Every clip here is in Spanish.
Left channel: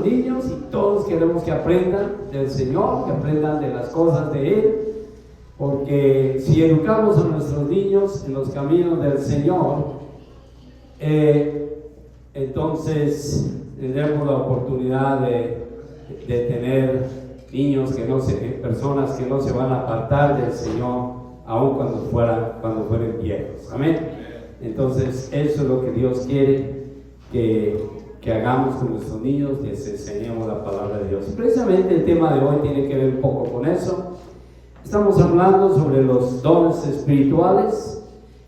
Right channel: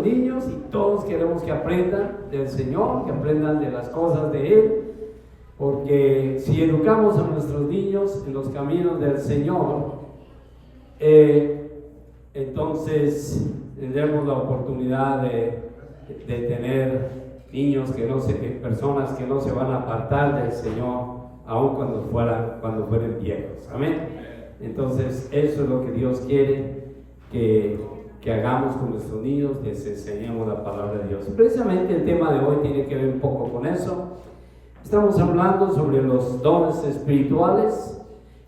nuestros niños y todos queremos que aprendan del Señor, que aprendan de las cosas de Él, porque si educamos a nuestros niños en los caminos del Señor, entonces tendremos la oportunidad de tener niños personas que no se van a apartar del Señor, aun cuando fueren viejos. Amén. Entonces eso es lo que Dios quiere que hagamos con nuestros niños, les enseñemos la palabra de Dios. Precisamente el tema de hoy tiene que ver un poco con eso. Estamos hablando sobre los dones espirituales.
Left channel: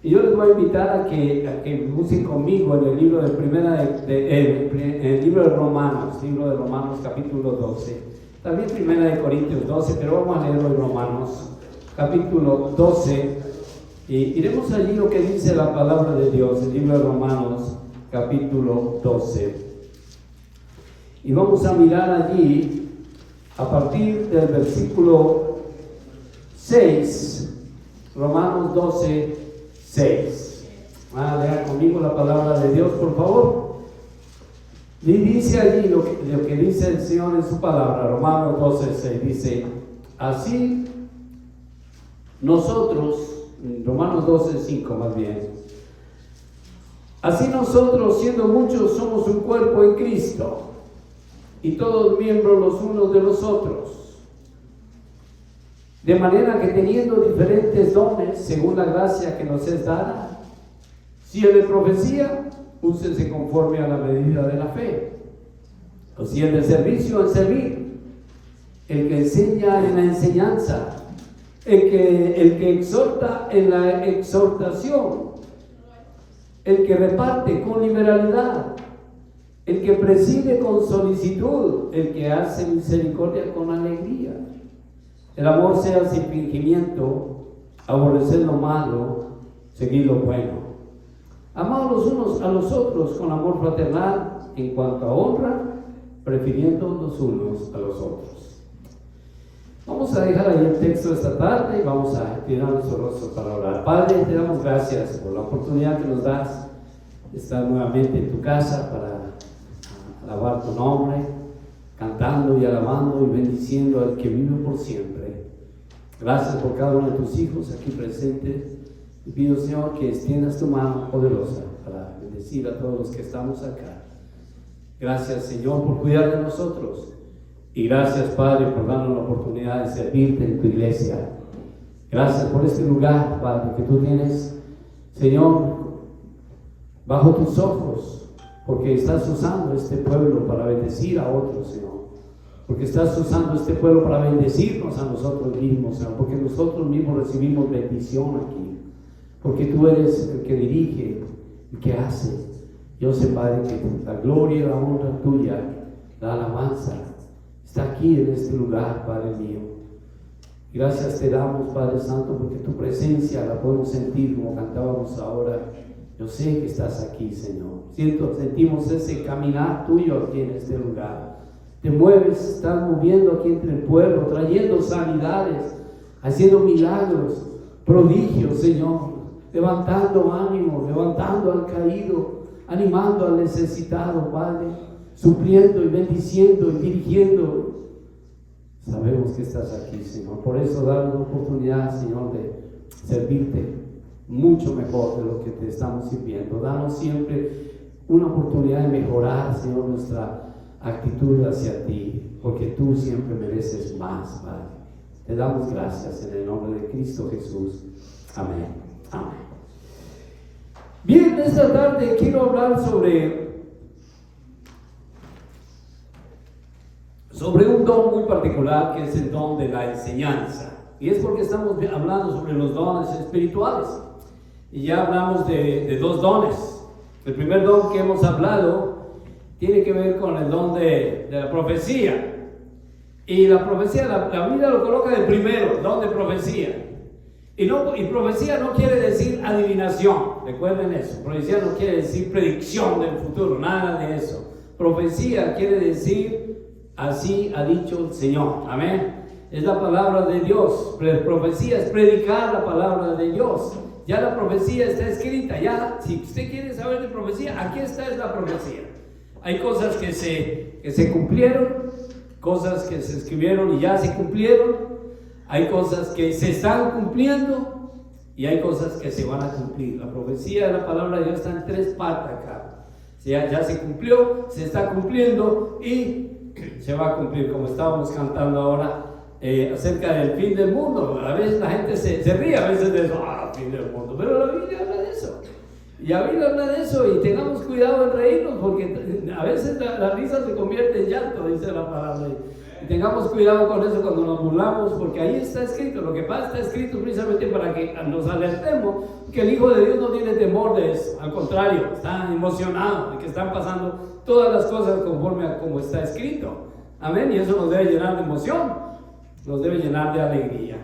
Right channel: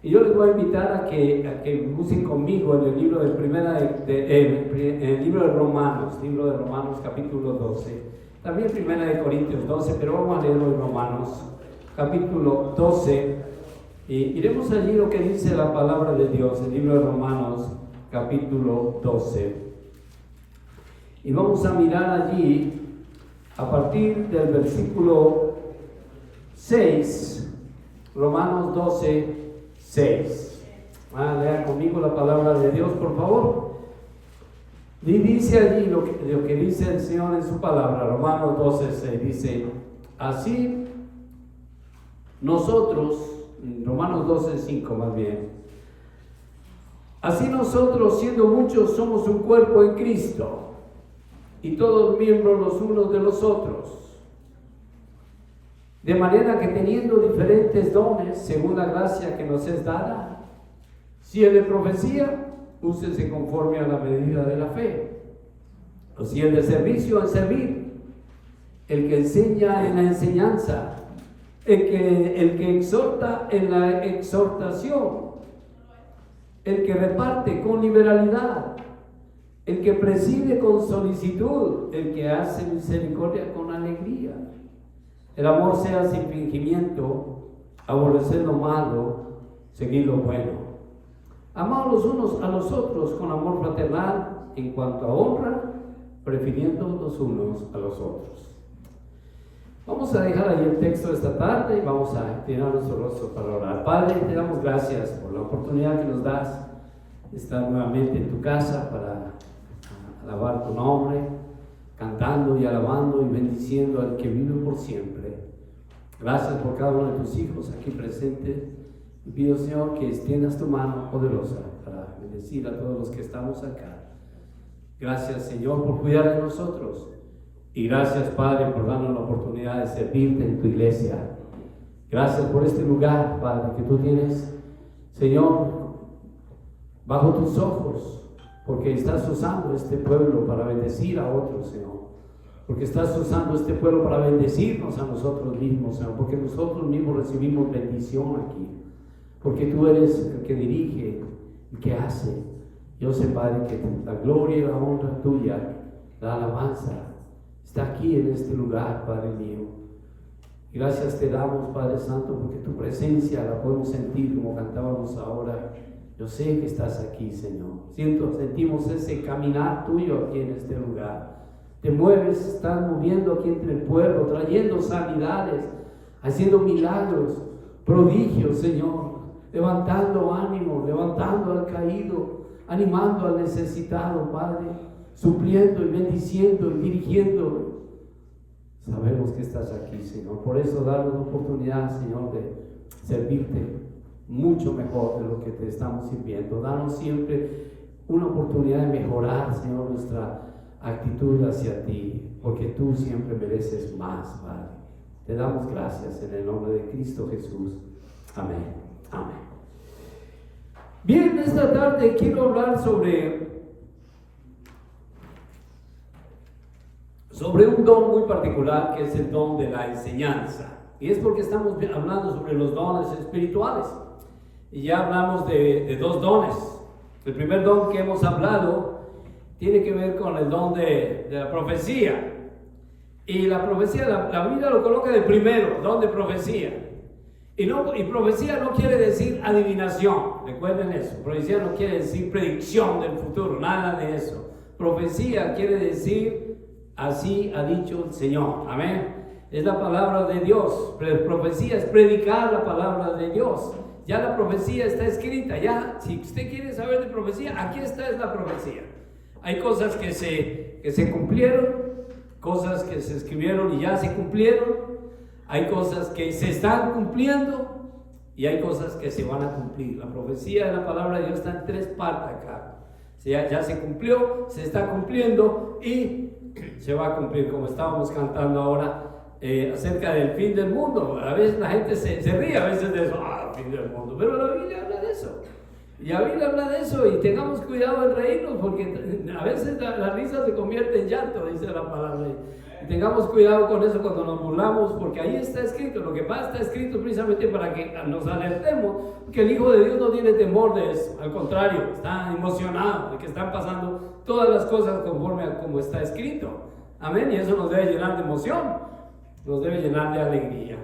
Y yo les voy a invitar a que busquen conmigo en el libro el libro de Romanos capítulo 12, también Primera de Corintios 12, pero vamos a leerlo en Romanos capítulo 12 y iremos allí lo que dice la palabra de Dios, el libro de Romanos capítulo 12, y vamos a mirar allí a partir del versículo 6, Romanos 12, 6. Lea conmigo la palabra de Dios, por favor. Y dice allí lo que dice el Señor en su palabra, Romanos 12, 6. Dice: así nosotros, Romanos 12, 5 más bien. Así nosotros, siendo muchos, somos un cuerpo en Cristo, y todos miembros los unos de los otros. De manera que teniendo diferentes dones, según la gracia que nos es dada, si el de profecía, úsese conforme a la medida de la fe. O si el de servicio, en servir. El que enseña, en la enseñanza. El que exhorta, en la exhortación. El que reparte con liberalidad. El que preside con solicitud. El que hace misericordia con alegría. El amor sea sin fingimiento, aborrecer lo malo, seguir lo bueno. Amaos los unos a los otros con amor fraternal, en cuanto a honra, prefiriendo los unos a los otros. Vamos a dejar ahí el texto esta tarde y vamos a inclinar nuestro rostro para orar. Padre, te damos gracias por la oportunidad que nos das de estar nuevamente en tu casa para alabar tu nombre, cantando y alabando y bendiciendo al que vive por siempre. Gracias por cada uno de tus hijos aquí presentes. Y pido, Señor, que extiendas tu mano poderosa para bendecir a todos los que estamos acá. Gracias, Señor, por cuidar de nosotros. Y gracias, Padre, por darnos la oportunidad de servirte en tu iglesia. Gracias por este lugar, Padre, que tú tienes, Señor, bajo tus ojos, porque estás usando este pueblo para bendecir a otros, Señor. Porque estás usando este pueblo para bendecirnos a nosotros mismos, Señor. Porque nosotros mismos recibimos bendición aquí. Porque tú eres el que dirige, el que hace. Yo sé, Padre, que la gloria y la honra tuya, la alabanza, está aquí en este lugar, Padre mío. Gracias te damos, Padre Santo, porque tu presencia la podemos sentir como cantábamos ahora. Yo sé que estás aquí, Señor. Sentimos ese caminar tuyo aquí en este lugar. Te mueves, estás moviendo aquí entre el pueblo, trayendo sanidades, haciendo milagros, prodigios, Señor, levantando ánimo, levantando al caído, animando al necesitado, Padre, supliendo y bendiciendo y dirigiendo. Sabemos que estás aquí, Señor. Por eso danos la oportunidad, Señor, de servirte mucho mejor de lo que te estamos sirviendo. Danos siempre una oportunidad de mejorar, Señor, nuestra actitud hacia ti, porque tú siempre mereces más, Padre. Te damos gracias en el nombre de Cristo Jesús. Amén. Amén. Bien, esta tarde quiero hablar sobre un don muy particular, que es el don de la enseñanza. Y es porque estamos hablando sobre los dones espirituales. Y ya hablamos de dos dones. El primer don que hemos hablado tiene que ver con el don de la profecía. Y la profecía, la Biblia lo coloca de primero, don de profecía. Y profecía no quiere decir adivinación, recuerden eso. Profecía no quiere decir predicción del futuro, nada de eso. Profecía quiere decir, así ha dicho el Señor, amén. Es la palabra de Dios. Profecía es predicar la palabra de Dios. Ya la profecía está escrita, ya, si usted quiere saber de profecía, aquí está, es la profecía. Hay cosas que se cumplieron, cosas que se escribieron y ya se cumplieron, hay cosas que se están cumpliendo y hay cosas que se van a cumplir. La profecía de la palabra de Dios está en 3 partes acá. Ya se cumplió, se está cumpliendo y se va a cumplir, como estábamos cantando ahora acerca del fin del mundo. A veces la gente se ríe a veces de eso, fin del mundo, pero la Biblia habla de eso. Y la Biblia habla de eso y tengamos cuidado en reírnos porque a veces la risa se convierte en llanto, dice la palabra. Y tengamos cuidado con eso cuando nos burlamos, porque ahí está escrito. Lo que pasa está escrito precisamente para que nos alertemos que el Hijo de Dios no tiene temor de eso. Al contrario, está emocionado de que están pasando todas las cosas conforme a como está escrito. Amén. Y eso nos debe llenar de emoción, nos debe llenar de alegría.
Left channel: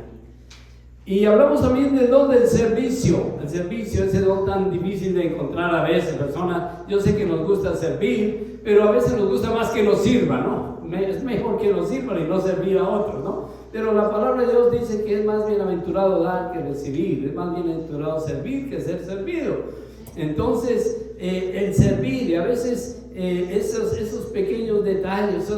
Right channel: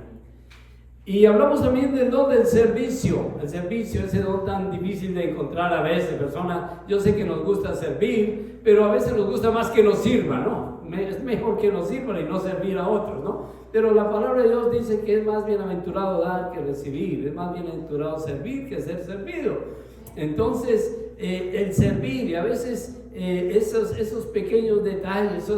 Y hablamos también del don del servicio. El servicio, ese don tan difícil de encontrar a veces. Personas, yo sé que nos gusta servir, pero a veces nos gusta más que nos sirvan, ¿no? Es mejor que nos sirvan y no servir a otros, ¿no? Pero la palabra de Dios dice que es más bienaventurado dar que recibir, es más bienaventurado servir que ser servido. Entonces, el servir, y a veces esos pequeños detalles,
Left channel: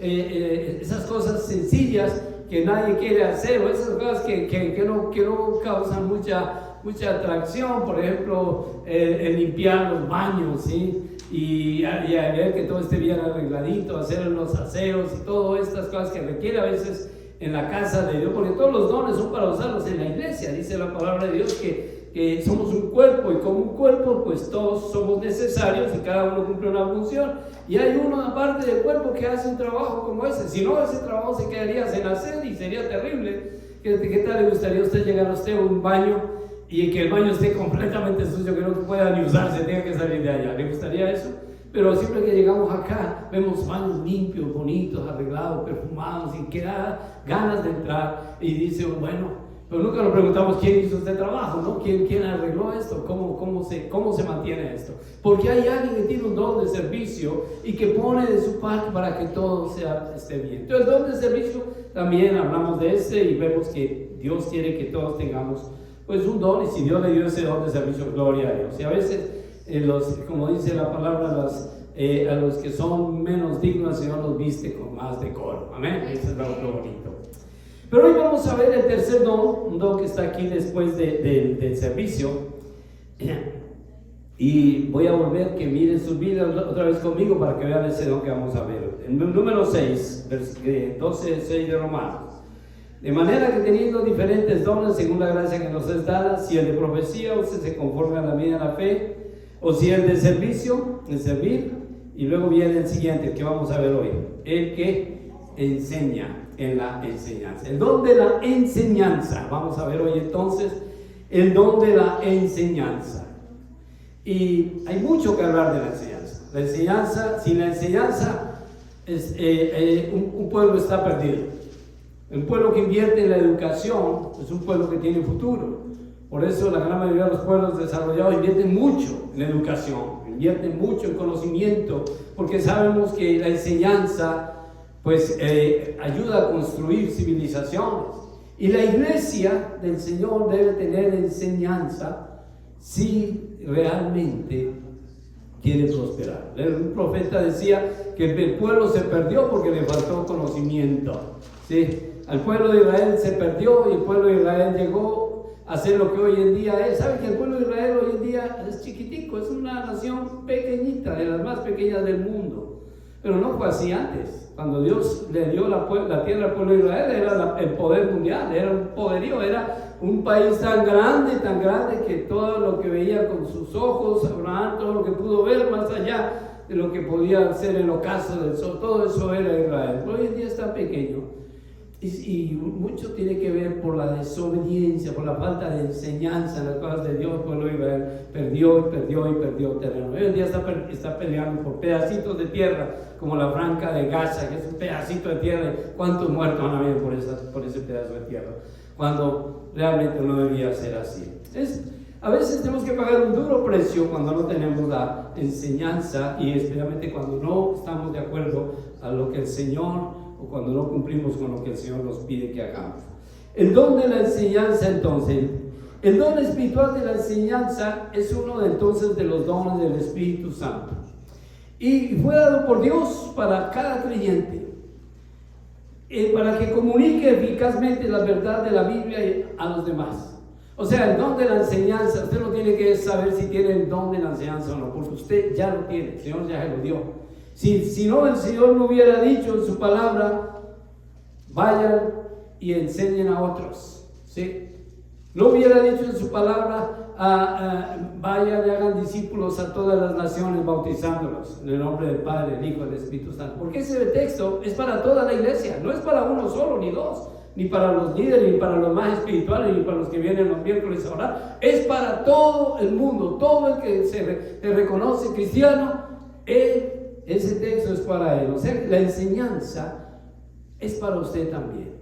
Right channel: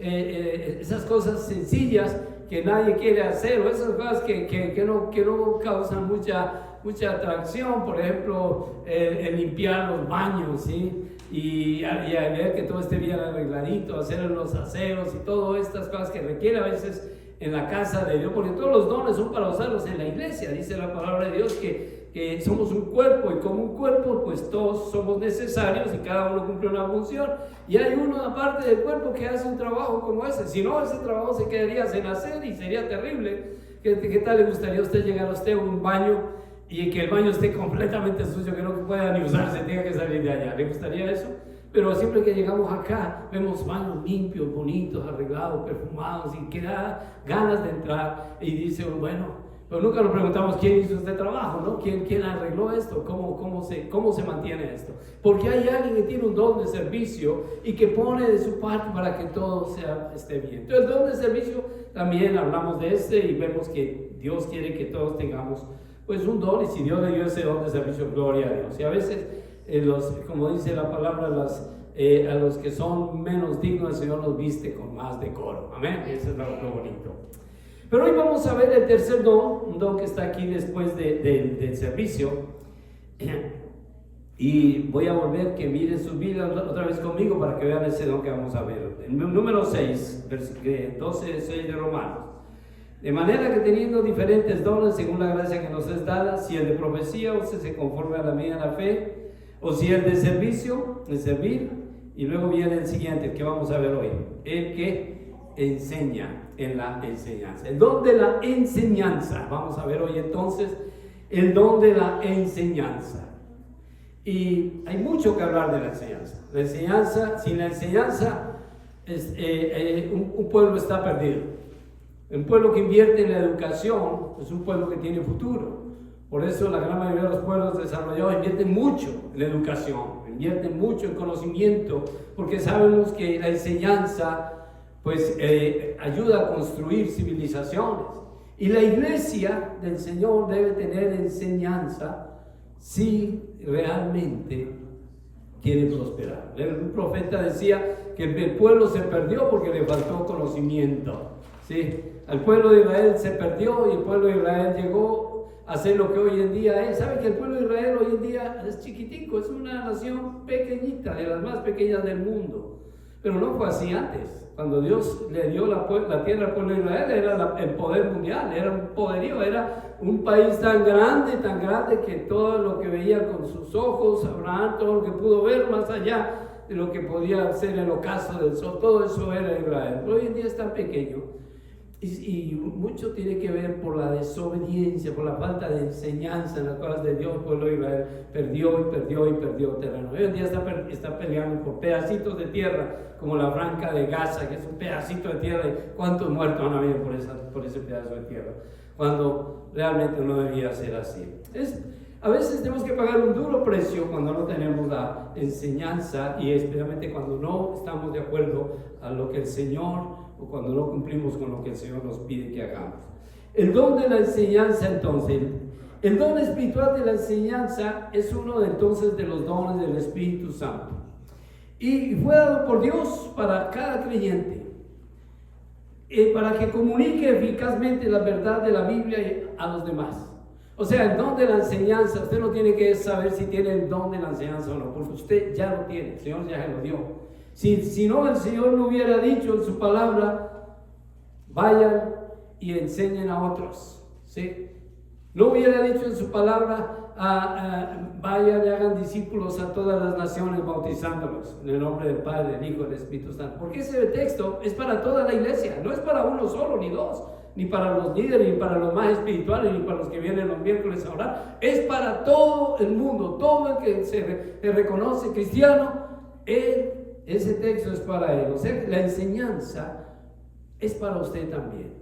esas cosas sencillas que nadie quiere hacer, o esas cosas que no causan mucha atracción, por ejemplo, el limpiar los baños, ¿sí? Y ver que todo esté bien arregladito, hacer los aseos y todas estas cosas que requiere a veces en la casa de Dios, porque todos los dones son para usarlos en la iglesia. Dice la palabra de Dios que somos un cuerpo, y como un cuerpo pues todos somos necesarios y cada uno cumple una función, y hay uno aparte del cuerpo que hace un trabajo como ese. Si no, ese trabajo se quedaría sin hacer y sería terrible. ¿Qué tal le gustaría a usted llegar a usted a un baño y que el baño esté completamente sucio, que no pueda ni usarse, tenga que salir de allá? ¿Le gustaría eso? Pero siempre que llegamos acá, vemos baños limpios, bonitos, arreglados, perfumados, y que da ganas de entrar, y dice, bueno, pero nunca nos preguntamos quién hizo este trabajo, ¿no? ¿Quién arregló esto? ¿Cómo se mantiene esto? Porque hay alguien que tiene un don de servicio y que pone de su parte para que todo esté bien. Entonces, el don de servicio, también hablamos de este y vemos que Dios quiere que todos tengamos pues un don, y si Dios le dio ese don de servicio, gloria a Dios. Y a veces, como dice la palabra, a los que son menos dignos, el Señor los viste con más decoro. Amén. Eso es lo bonito. Pero hoy vamos a ver el tercer don, un don que está aquí después del servicio. Y voy a volver que miren sus Biblias otra vez conmigo para que vean ese don que vamos a ver. En número 6, 12, 6 de Romanos. De manera que teniendo diferentes dones según la gracia que nos es dada, si el de profecía, usted se conforme a la medida de la fe, o si el de servicio, el servir, y luego viene el siguiente que vamos a ver hoy, el que enseña en la enseñanza. El don de la enseñanza. Vamos a ver hoy entonces el don de la enseñanza. Y hay mucho que hablar de la enseñanza. La enseñanza, sin la enseñanza, un pueblo está perdido. Un pueblo que invierte en la educación es un pueblo que tiene futuro. Por eso la gran mayoría de los pueblos desarrollados invierten mucho en la educación, invierten mucho en conocimiento, porque sabemos que la enseñanza pues ayuda a construir civilizaciones. Y la iglesia del Señor debe tener enseñanza si realmente quiere prosperar. Un profeta decía que el pueblo se perdió porque le faltó conocimiento. ¿Sí? El pueblo de Israel se perdió y el pueblo de Israel llegó a ser lo que hoy en día es. ¿Saben que el pueblo de Israel hoy en día es chiquitico? Es una nación pequeñita, de las más pequeñas del mundo. Pero no fue así antes. Cuando Dios le dio la tierra al pueblo de Israel, era el poder mundial, era un poderío, era un país tan grande que todo lo que veía con sus ojos, Abraham, todo lo que pudo ver más allá de lo que podía ser el ocaso del sol, todo eso era Israel. Pero hoy en día es tan pequeño. Y mucho tiene que ver por la desobediencia, por la falta de enseñanza en las cosas de Dios. El pueblo de Israel perdió terreno. Hoy en día está peleando por pedacitos de tierra, como la Franja de Gaza, que es un pedacito de tierra. ¿Y cuántos muertos han habido por ese pedazo de tierra? Cuando realmente no debía ser así. A veces tenemos que pagar un duro precio cuando no tenemos la enseñanza, y especialmente cuando no estamos de acuerdo a lo que el Señor, o cuando no cumplimos con lo que el Señor nos pide que hagamos. El don de la enseñanza, entonces, el don espiritual de la enseñanza es uno entonces de los dones del Espíritu Santo. Y fue dado por Dios para cada creyente, para que comunique eficazmente la verdad de la Biblia a los demás. O sea, el don de la enseñanza, usted no tiene que saber si tiene el don de la enseñanza o no, porque usted ya lo tiene, el Señor ya se lo dio. Si no, el Señor no hubiera dicho en su palabra, vayan y enseñen a otros, ¿sí? No hubiera dicho en su palabra, vayan y hagan discípulos a todas las naciones, bautizándolos en el nombre del Padre, del Hijo y del Espíritu Santo. Porque ese texto es para toda la iglesia, no es para uno solo ni dos, ni para los líderes, ni para los más espirituales, ni para los que vienen los miércoles a orar. Es para todo el mundo, todo el que se reconoce cristiano, ese texto es para él. O sea, la enseñanza es para usted también.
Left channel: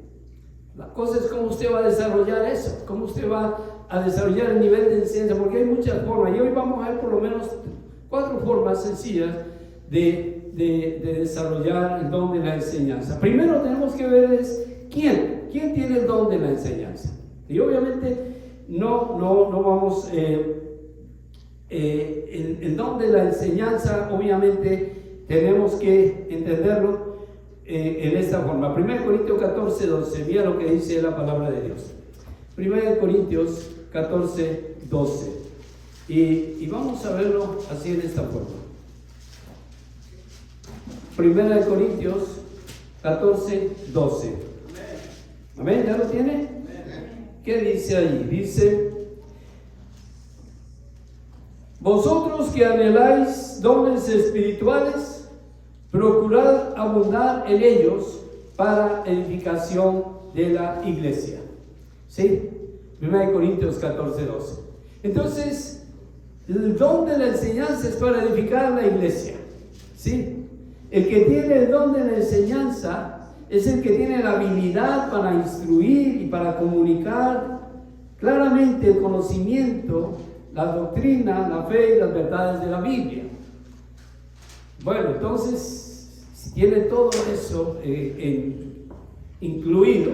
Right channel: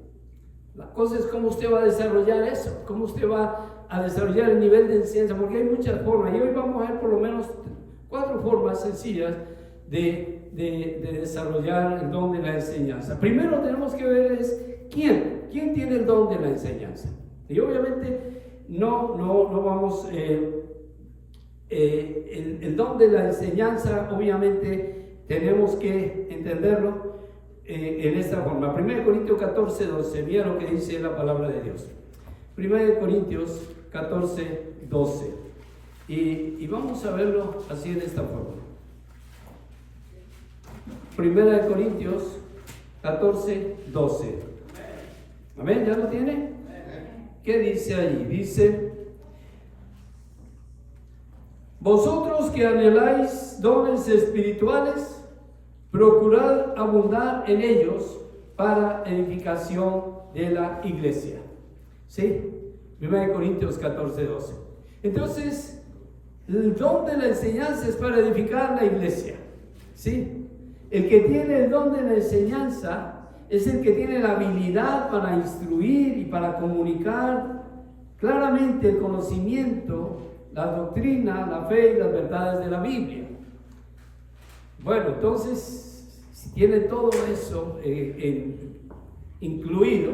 La cosa es cómo usted va a desarrollar eso, cómo usted va a desarrollar el nivel de enseñanza, porque hay muchas formas, y hoy vamos a ver por lo menos 4 formas sencillas de desarrollar el don de la enseñanza. Primero tenemos que ver es quién tiene el don de la enseñanza. Y obviamente no vamos, el don de la enseñanza obviamente tenemos que entenderlo en esta forma. 1 Corintios 14, 12, mira lo que dice la palabra de Dios. 1 Corintios 14, 12. Y vamos a verlo así en esta forma. 1 Corintios 14, 12. ¿Amén? ¿Ya lo tiene? ¿Qué dice ahí? Dice: vosotros que anheláis dones espirituales, procurad abundar en ellos para edificación de la iglesia. ¿Sí? 1 Corintios 14, 12. Entonces, el don de la enseñanza es para edificar la iglesia. ¿Sí? El que tiene el don de la enseñanza es el que tiene la habilidad para instruir y para comunicar claramente el conocimiento, la doctrina, la fe y las verdades de la Biblia. Bueno, entonces, si tiene todo eso incluido,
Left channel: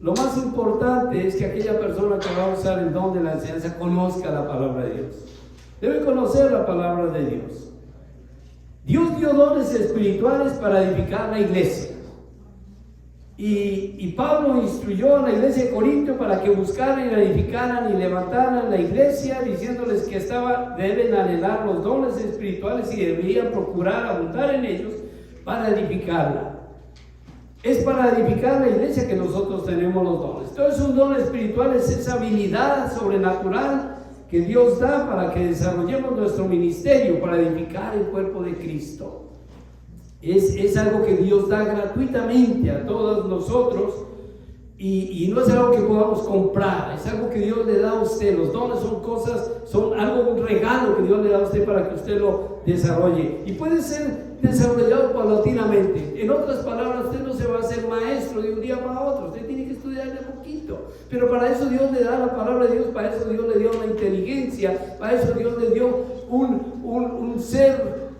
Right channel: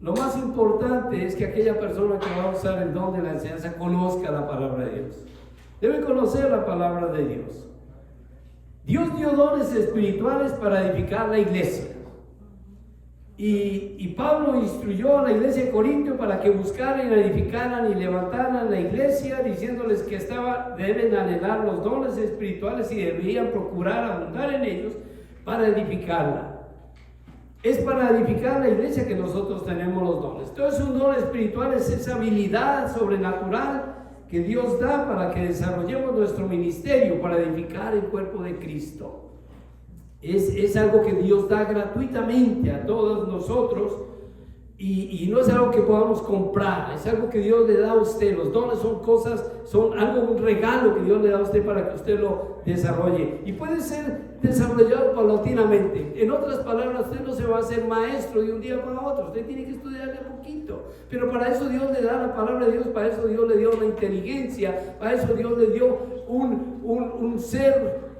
lo más importante es que aquella persona que va a usar el don de la enseñanza conozca la palabra de Dios. Debe conocer la palabra de Dios. Dios dio dones espirituales para edificar la iglesia. Y Pablo instruyó a la iglesia de Corintio para que buscaran, edificaran y levantaran la iglesia, diciéndoles que deben anhelar los dones espirituales y deberían procurar abundar en ellos para edificarla. Es para edificar la iglesia que nosotros tenemos los dones. Entonces, un don espiritual es esa habilidad sobrenatural que Dios da para que desarrollemos nuestro ministerio, para edificar el cuerpo de Cristo. Es algo que Dios da gratuitamente a todos nosotros y no es algo que podamos comprar, es algo que Dios le da a usted. Los dones son algo, un regalo que Dios le da a usted para que usted lo desarrolle y puede ser desarrollado paulatinamente. En otras palabras, usted no se va a hacer maestro de un día para otro, usted tiene que estudiar de poquito, pero para eso Dios le da la palabra de Dios, para eso Dios le dio la inteligencia, para eso Dios le dio un ser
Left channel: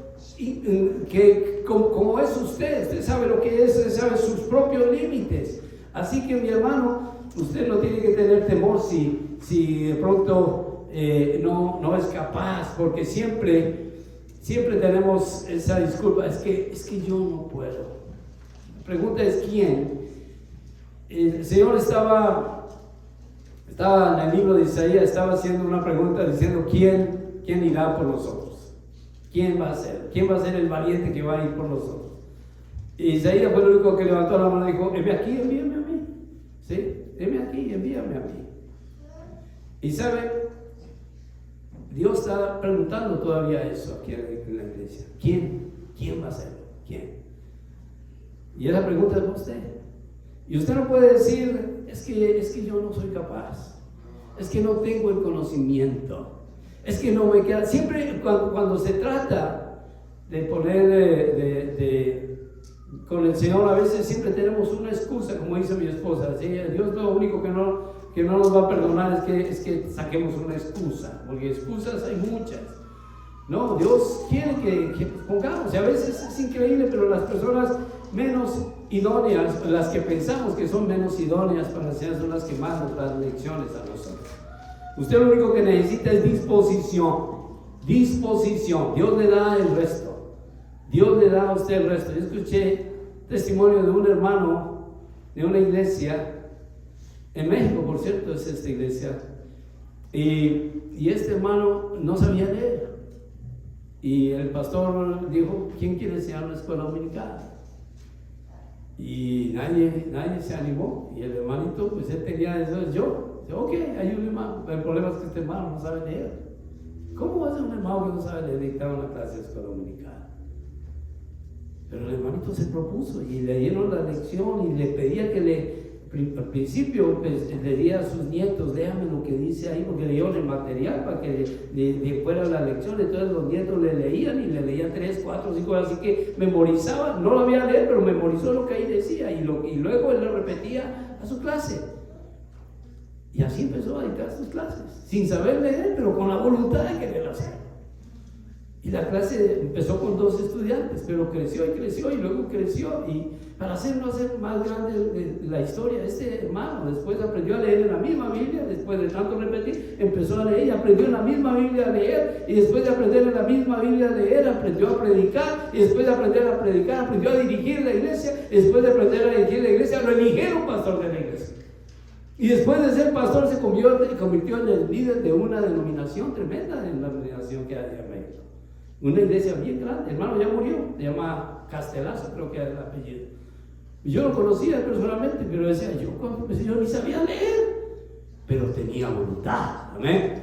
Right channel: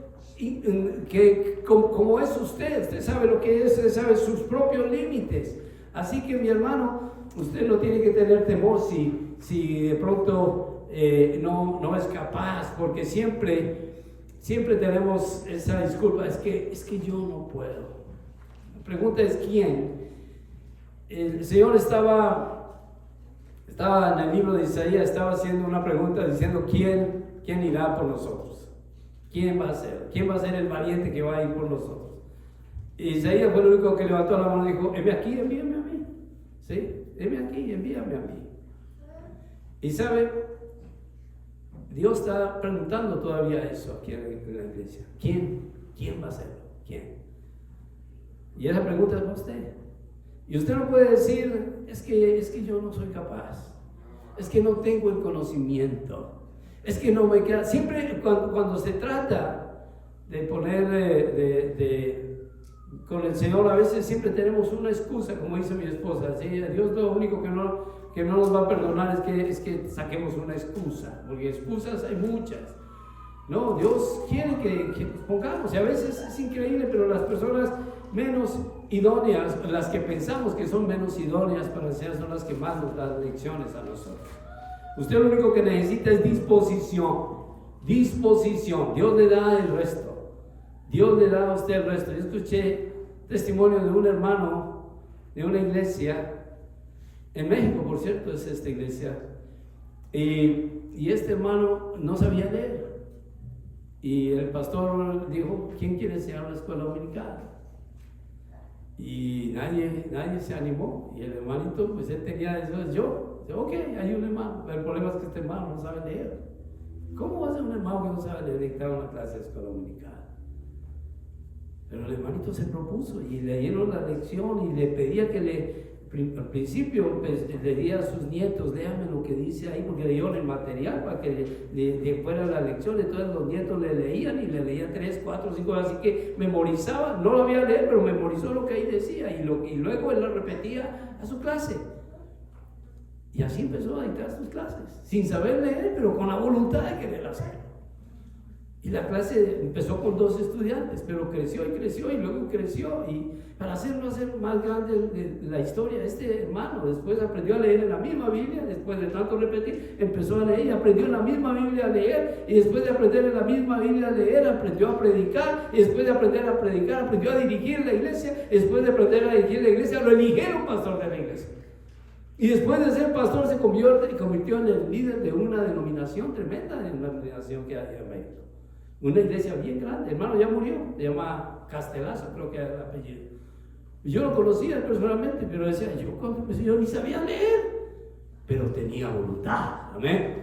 que como es usted sabe lo que es, usted sabe sus propios límites. Así que, mi hermano, usted no tiene que tener temor si de pronto no es capaz, porque siempre tenemos esa disculpa, es que yo no puedo. La pregunta es ¿quién? El Señor estaba en el libro de Isaías, estaba haciendo una pregunta diciendo ¿quién irá por nosotros? ¿Quién va a ser? ¿Quién va a ser el valiente que va a ir por nosotros? Y Isaías fue el único que levantó la mano y dijo: heme aquí, envíame a mí. ¿Sí? Heme aquí, envíame a mí. Y sabe, Dios está preguntando todavía eso aquí en la iglesia. ¿Quién va a hacerlo? ¿Quién? Y esa pregunta es para usted. Y usted no puede decir, es que yo no soy capaz. Es que no tengo el conocimiento. Es que no me queda. Siempre cuando se trata de poner con el Señor, a veces siempre tenemos una excusa, como dice mi esposa. ¿Sí? Dios lo único que no nos va a perdonar es que saquemos una excusa, porque excusas hay muchas. No, Dios quiere que pongamos, y a veces es increíble, pero las personas menos idóneas, las que pensamos que son menos idóneas para enseñar, son las que más nos dan lecciones a nosotros. Usted lo único que necesita es disposición. Dios le da el resto. Dios le da a usted el resto. Yo escuché testimonio de un hermano de una iglesia, en México, por cierto, es esta iglesia, y este hermano no sabía leer. Y el pastor dijo: ¿quién quiere enseñar la escuela dominical? Y nadie se animó. Y el hermanito, pues él tenía eso, yo. Dice: ok, hay un hermano. El problema es que este hermano no sabe leer. ¿Cómo va a ser un hermano que no sabe leer dictar una clase de escuela dominical? Pero el hermanito se propuso y le dieron la lección y le pedía que al principio pues, le diera a sus nietos: léame lo que dice ahí, porque le dieron el material para que le fuera la lección. Entonces los nietos le leían y le leían 3, 4, 5 horas, así que memorizaba. No lo había leer, pero memorizó lo que ahí decía y luego él lo repetía a su clase. Y así empezó a dictar sus clases, sin saber leer, pero con la voluntad de querer hacerlo. Y la clase empezó con 2 estudiantes, pero creció y luego creció. Y para hacer más grande la historia, este hermano después aprendió a leer en la misma Biblia. Después de tanto repetir, empezó a leer y aprendió en la misma Biblia a leer. Y después de aprender en la misma Biblia a leer, aprendió a predicar. Y después de aprender a predicar, aprendió a dirigir la iglesia. Y después de aprender a dirigir la iglesia, lo eligieron pastor de la iglesia. Y después de ser pastor, se convirtió en el líder de una denominación tremenda, en la denominación que hay en México. Una iglesia bien grande. Hermano, ya murió, se llama Castelazo, creo que era el apellido. Y yo lo conocía personalmente, pero decía: yo cuando empecé, yo ni sabía leer, pero tenía voluntad. Amén.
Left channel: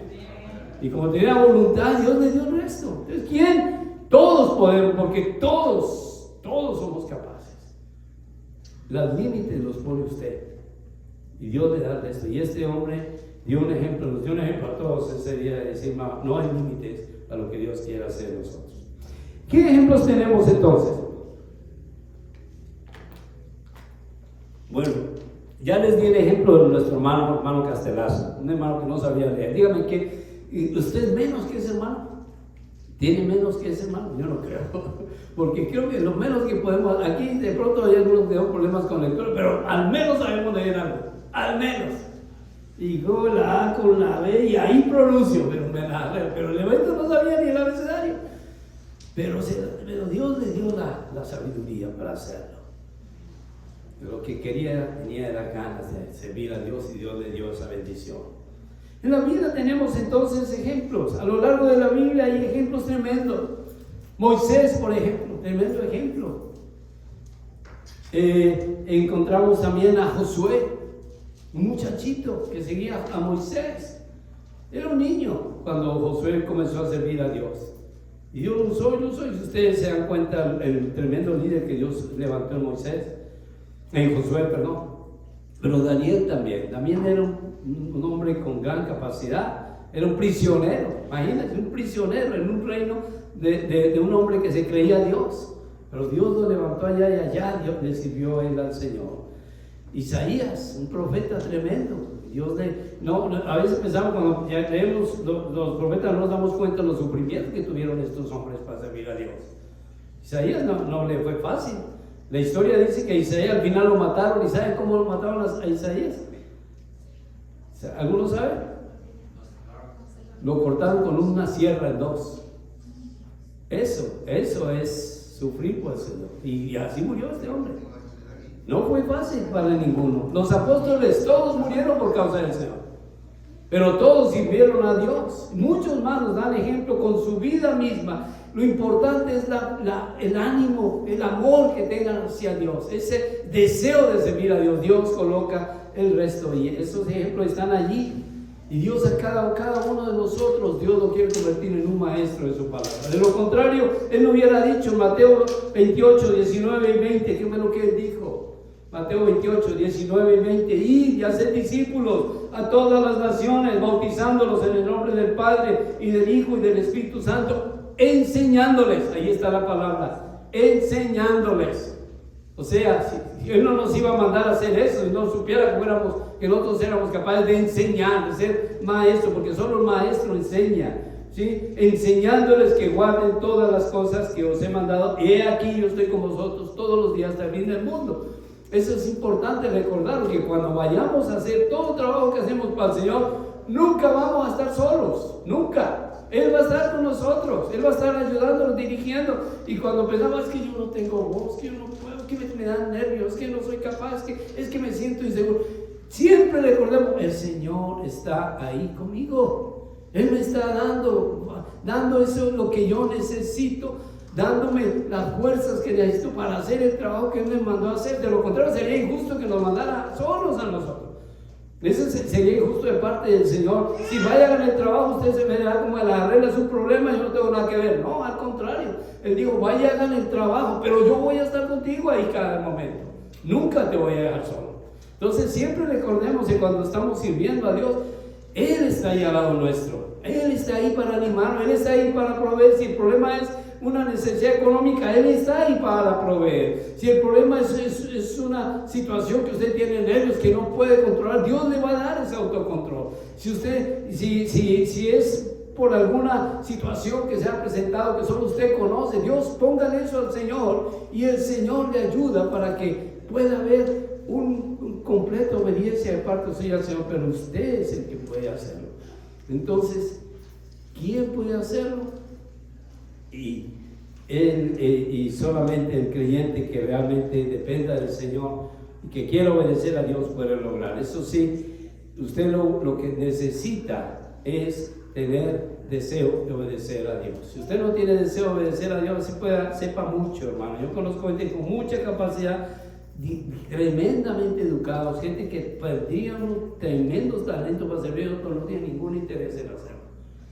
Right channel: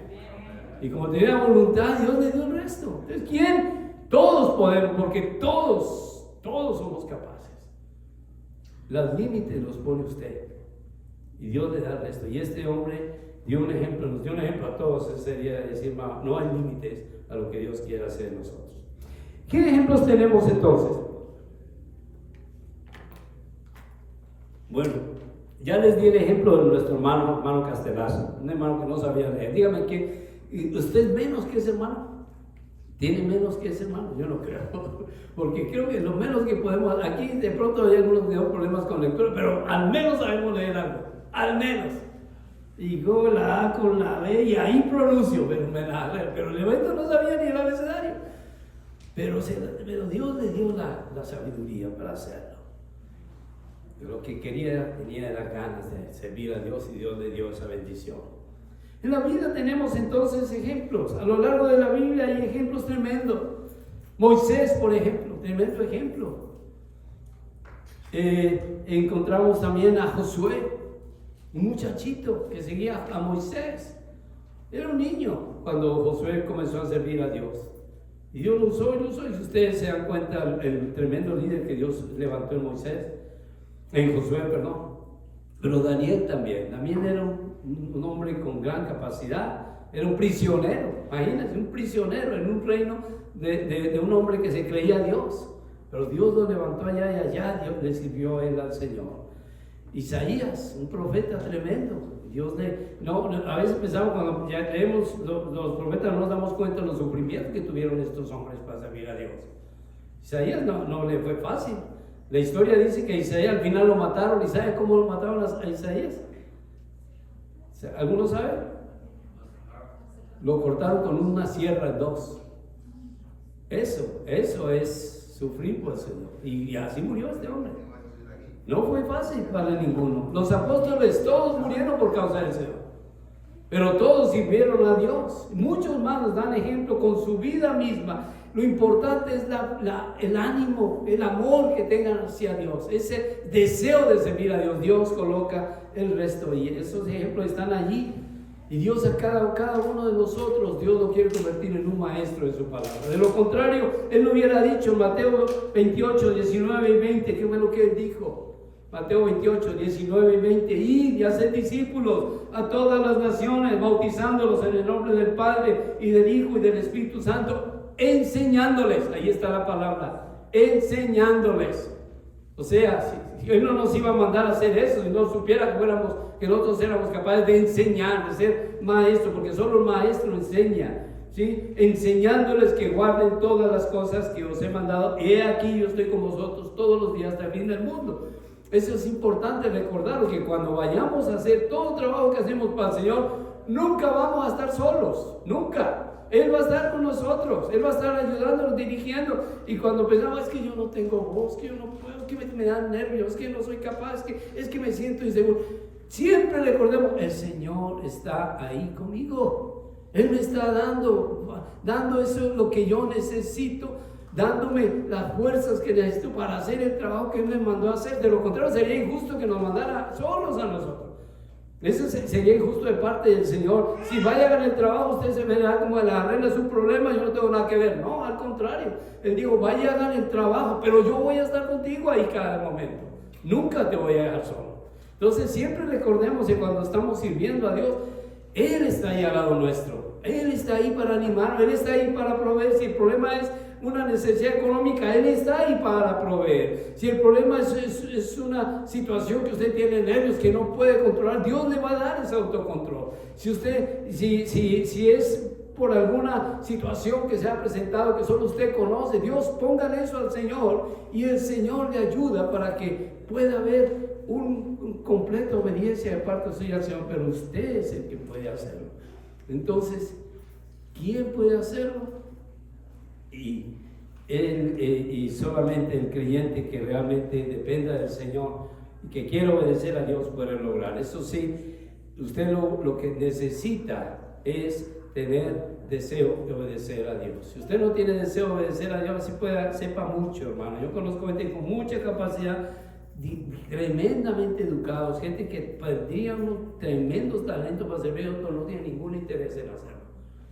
Y como tenía voluntad, Dios le dio el resto. Entonces, ¿quién? Todos podemos, porque todos somos capaces. Los límites los pone usted y Dios le da el resto. Y este hombre dio un ejemplo, nos dio un ejemplo a todos. En serio, decir: no hay límites a lo que Dios quiera hacer en nosotros. ¿Qué ejemplos tenemos entonces? Bueno, ya les di el ejemplo de nuestro hermano Castelazo, un hermano que no sabía leer. Dígame, ¿usted es menos que ese hermano? ¿Tiene menos que ese hermano? Yo no creo, porque creo que lo menos que podemos, aquí de pronto hay algunos que tienen problemas con lectura, pero al menos sabemos leer algo, al menos. Y con la A, con la B, y ahí pronuncio, pero el evento no sabía ni el abecedario. Pero Dios le dio la sabiduría para hacerlo. Lo que tenía de las ganas de servir a Dios, y Dios le dio esa bendición. En la Biblia tenemos entonces ejemplos. A lo largo de la Biblia hay ejemplos tremendos. Moisés, por ejemplo, tremendo ejemplo. Encontramos también a Josué, un muchachito que seguía a Moisés. Era un niño cuando Josué comenzó a servir a Dios. Y Dios lo usó. Y si ustedes se dan cuenta, el tremendo líder que Dios levantó en Josué, perdón. Pero Daniel también era un hombre con gran capacidad. Era un prisionero, imagínense, un prisionero en un reino de un hombre que se creía Dios. Pero Dios lo levantó allá y allá, Dios le sirvió a él al Señor. Isaías, un profeta tremendo. A veces pensamos, cuando ya leemos los profetas, no nos damos cuenta de los sufrimientos que tuvieron estos hombres para servir a Dios. Isaías no le fue fácil. La historia dice que a Isaías al final lo mataron. ¿Y saben cómo lo mataron a Isaías? ¿Alguno sabe? Lo cortaron con una sierra en 2. Eso es sufrir por el Señor. Y así murió este hombre. No fue fácil para ninguno. Los apóstoles todos murieron por causa del Señor, pero todos sirvieron a Dios. Muchos más nos dan ejemplo con su vida misma. Lo importante es el ánimo, el amor que tengan hacia Dios, ese deseo de servir a Dios. Dios coloca el resto, y esos ejemplos están allí. Y Dios a cada uno de nosotros, Dios lo quiere convertir en un maestro de su palabra. De lo contrario, Él no hubiera dicho en Mateo 28, 19 y 20, ¿qué fue lo que Él dijo? Mateo 28, 19 y 20: id y haced discípulos a todas las naciones, bautizándolos en el nombre del Padre y del Hijo y del Espíritu Santo, enseñándoles. Ahí está la palabra, enseñándoles. O sea, si Él no nos iba a mandar a hacer eso, si no supiera que nosotros éramos capaces de enseñar, de ser maestros, porque solo el maestro enseña, ¿sí? Enseñándoles que guarden todas las cosas que os he mandado. He aquí, yo estoy con vosotros todos los días hasta el fin del mundo. Eso es importante recordarlo, que cuando vayamos a hacer todo el trabajo que hacemos para el Señor, nunca vamos a estar solos, nunca. Él va a estar con nosotros, Él va a estar ayudándonos, dirigiendo. Y cuando pensaba, es que yo no tengo voz, que yo no puedo, que me dan nervios, que no soy capaz, es que me siento inseguro. Siempre recordemos, el Señor está ahí conmigo. Él me está dando eso lo que yo necesito, dándome las fuerzas que necesito para hacer el trabajo que Él me mandó a hacer. De lo contrario, sería injusto que nos mandara solos a nosotros. Eso sería injusto de parte del Señor. Si vaya a hacer el trabajo, usted se me da como la arregla su problema, yo no tengo nada que ver. No, al contrario. Él dijo, vaya, hagan el trabajo, pero yo voy a estar contigo ahí cada momento. Nunca te voy a dejar solo. Entonces siempre recordemos que cuando estamos sirviendo a Dios, Él está ahí al lado nuestro. Él está ahí para animarnos, Él está ahí para proveer. Si el problema es una necesidad económica, Él está ahí para proveer. Si el problema es una situación que usted tiene nervios que no puede controlar, Dios le va a dar ese autocontrol. Si es por alguna situación que se ha presentado que solo usted conoce, Dios, póngale eso al Señor y el Señor le ayuda para que pueda haber un completa obediencia de parte suya al Señor, pero usted es el que puede hacerlo. Entonces, ¿quién puede hacerlo? Y solamente el creyente que realmente dependa del Señor y que quiera obedecer a Dios puede lograr. Eso sí, usted lo que necesita es tener deseo de obedecer a Dios. Si usted no tiene deseo de obedecer a Dios, así sepa mucho, hermano. Yo conozco gente con mucha capacidad, tremendamente educados, gente que perdía unos tremendos talentos para servir, pero no tiene ningún interés en hacerlo.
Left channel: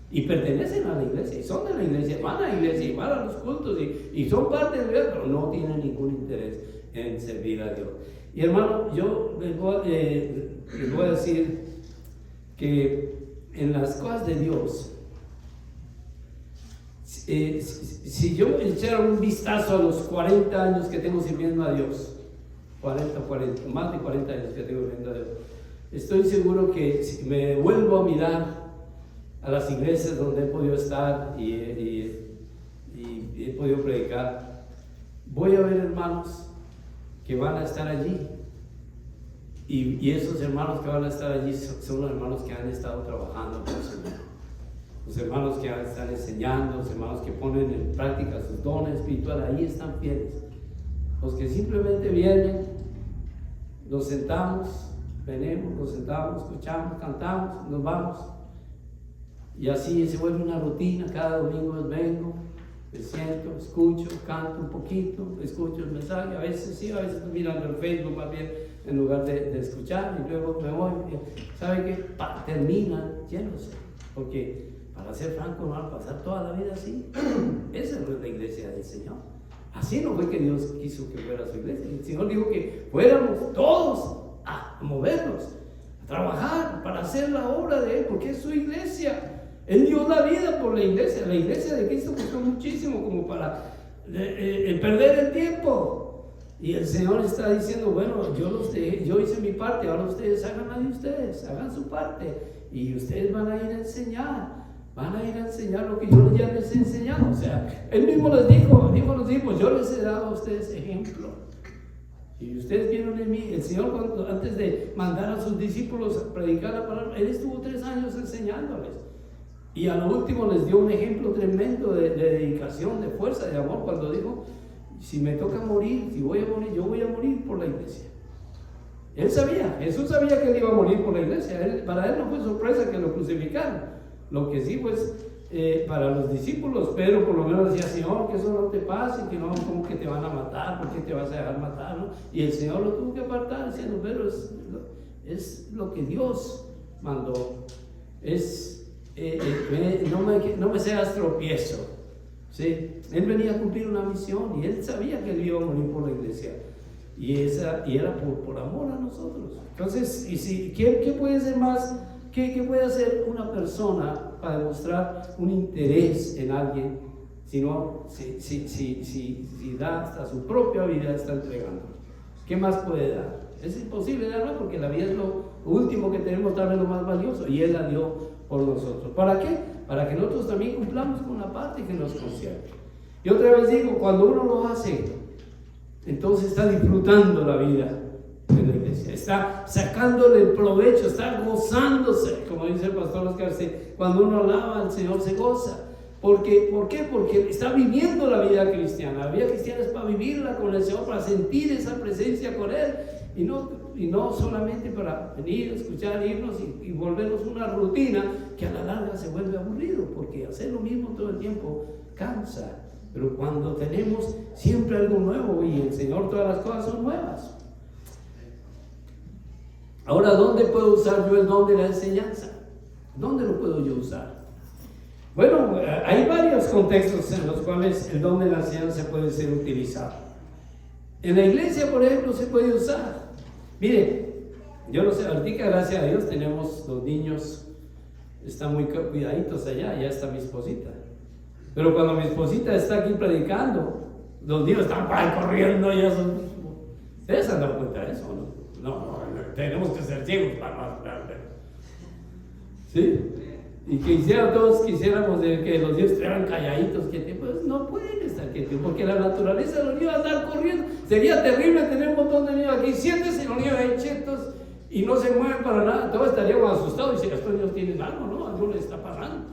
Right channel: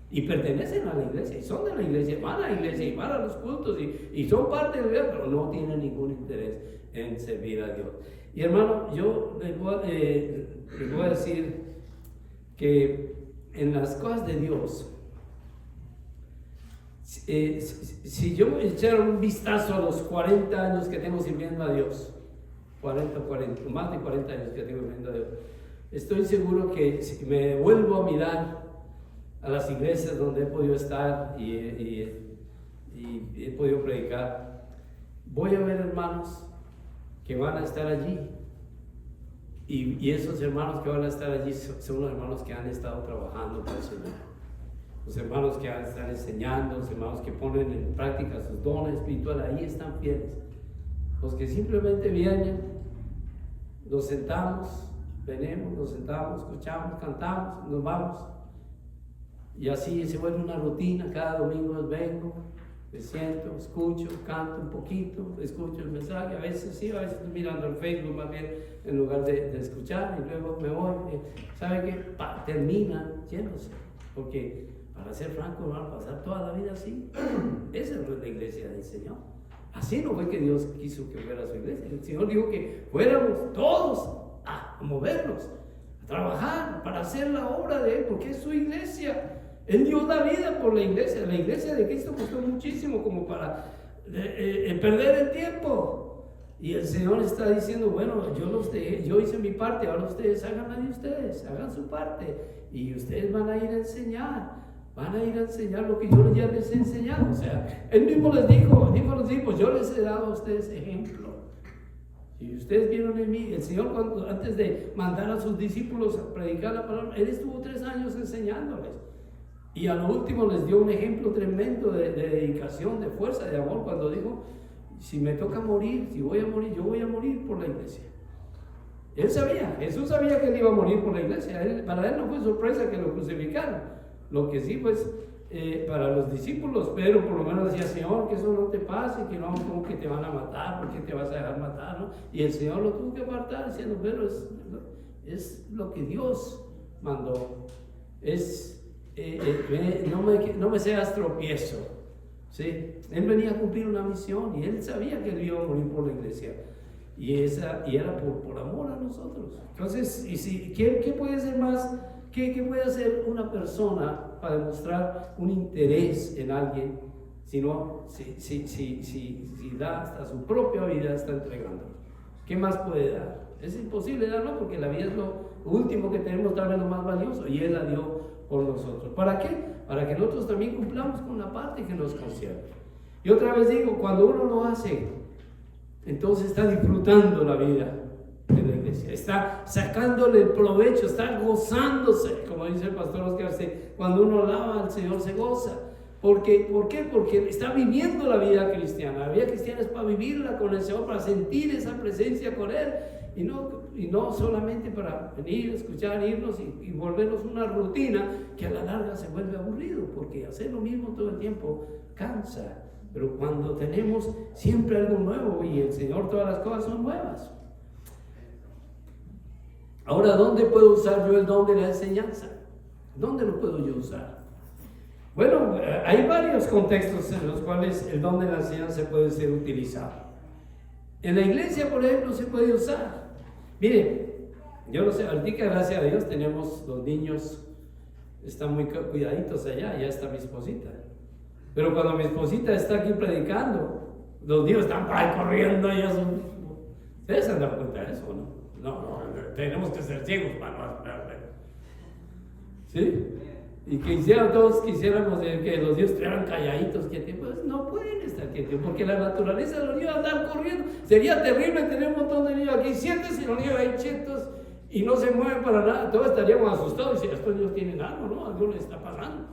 Y pertenecen a la iglesia, y son de la iglesia, van a la iglesia, y van a los cultos, y son parte de la iglesia, pero no tienen ningún interés en servir a Dios. Y hermano, yo les voy a decir que en las cosas de Dios, si yo echara un vistazo a los 40 años que tengo sirviendo a Dios, más de 40 años que tengo sirviendo a Dios, estoy seguro que si me vuelvo a mirar a las iglesias donde he podido estar y he podido predicar, voy a ver hermanos que van a estar allí, y esos hermanos que van a estar allí son los hermanos que han estado trabajando con el Señor, los hermanos que están enseñando, los hermanos que ponen en práctica sus dones espirituales, ahí están fieles. Los que simplemente vienen, nos sentamos, venimos, nos sentamos, escuchamos, cantamos, nos vamos. Y así se vuelve una rutina. Cada domingo vengo, me siento, escucho, canto un poquito, escucho el mensaje. A veces sí, a veces estoy mirando el Facebook más bien en lugar de escuchar, y luego me voy. ¿Sabe qué? Terminan yéndose. Porque, para ser franco, no va a pasar toda la vida así. Esa no es la iglesia del Señor. Así no fue que Dios quiso que fuera su iglesia. El Señor dijo que fuéramos todos a movernos, a trabajar para hacer la obra de Él, porque es su iglesia. Él dio la vida por la iglesia. La iglesia de Cristo costó muchísimo como para perder el tiempo. Y el Señor está diciendo, bueno, yo hice mi parte, ahora ustedes hagan la de ustedes, hagan su parte. Y ustedes van a ir a enseñar lo que yo ya les he enseñado. O sea, Él mismo les dijo a los hijos, yo les he dado a ustedes ejemplo. Y ustedes vieron en mí, el Señor antes de mandar a sus discípulos a predicar la palabra, Él estuvo 3 años enseñándoles. Y a lo último les dio un ejemplo tremendo de dedicación, de fuerza, de amor, cuando dijo, si me toca morir, si voy a morir, yo voy a morir por la iglesia. Él sabía, Jesús sabía que él iba a morir por la iglesia. Para él no fue sorpresa que lo crucificaran. Lo que sí, pues, para los discípulos, Pedro por lo menos decía, Señor, que eso no te pase, que no, como que te van a matar, ¿por qué te vas a dejar matar? ¿No? Y el Señor lo tuvo que apartar, diciendo, pero es lo que Dios mandó. No me seas tropiezo. ¿Sí? Él venía a cumplir una misión y él sabía que él iba a morir por la iglesia. Y era por amor a nosotros. Entonces, ¿qué puede ser más? ¿Qué puede hacer una persona para demostrar un interés en alguien si da hasta su propia vida, está entregando? ¿Qué más puede dar? Es imposible darlo porque la vida es lo último que tenemos, tal vez lo más valioso, y Él la dio por nosotros. ¿Para qué? Para que nosotros también cumplamos con la parte que nos concierne. Y otra vez digo, cuando uno lo hace, entonces está disfrutando la vida en la iglesia, está sacándole el provecho, está gozándose, como dice el pastor Oscar, cuando uno alaba al Señor se goza. ¿Por qué? Porque está viviendo la vida cristiana. La vida cristiana es para vivirla con el Señor, para sentir esa presencia con Él, y no solamente para venir, escuchar, irnos y volvernos una rutina que a la larga se vuelve aburrido, porque hacer lo mismo todo el tiempo cansa. Pero cuando tenemos siempre algo nuevo, y el Señor, todas las cosas son nuevas. Ahora, ¿dónde puedo usar yo el don de la enseñanza? ¿Dónde lo puedo yo usar? Bueno, hay varios contextos en los cuales el don de la enseñanza puede ser utilizado. En la iglesia, por ejemplo, se puede usar. Mire, yo no sé, ahorita gracias a Dios tenemos los niños, están muy cuidaditos allá, ya está mi esposita. Pero cuando mi esposita está aquí predicando, los niños están por ahí corriendo y eso. ¿Ustedes se han dado cuenta de eso, no? No, tenemos que ser ciegos para no hablar. ¿Sí? Y que todos quisiéramos que los niños estuvieran calladitos, pues no pueden estar quietos, porque la naturaleza de los niños va a andar corriendo. Sería terrible tener un montón de niños aquí, siéntese los niños ahí chetos y no se mueven para nada. Todos estaríamos asustados y si estos niños tienen algo, ¿no? Algo les está pasando.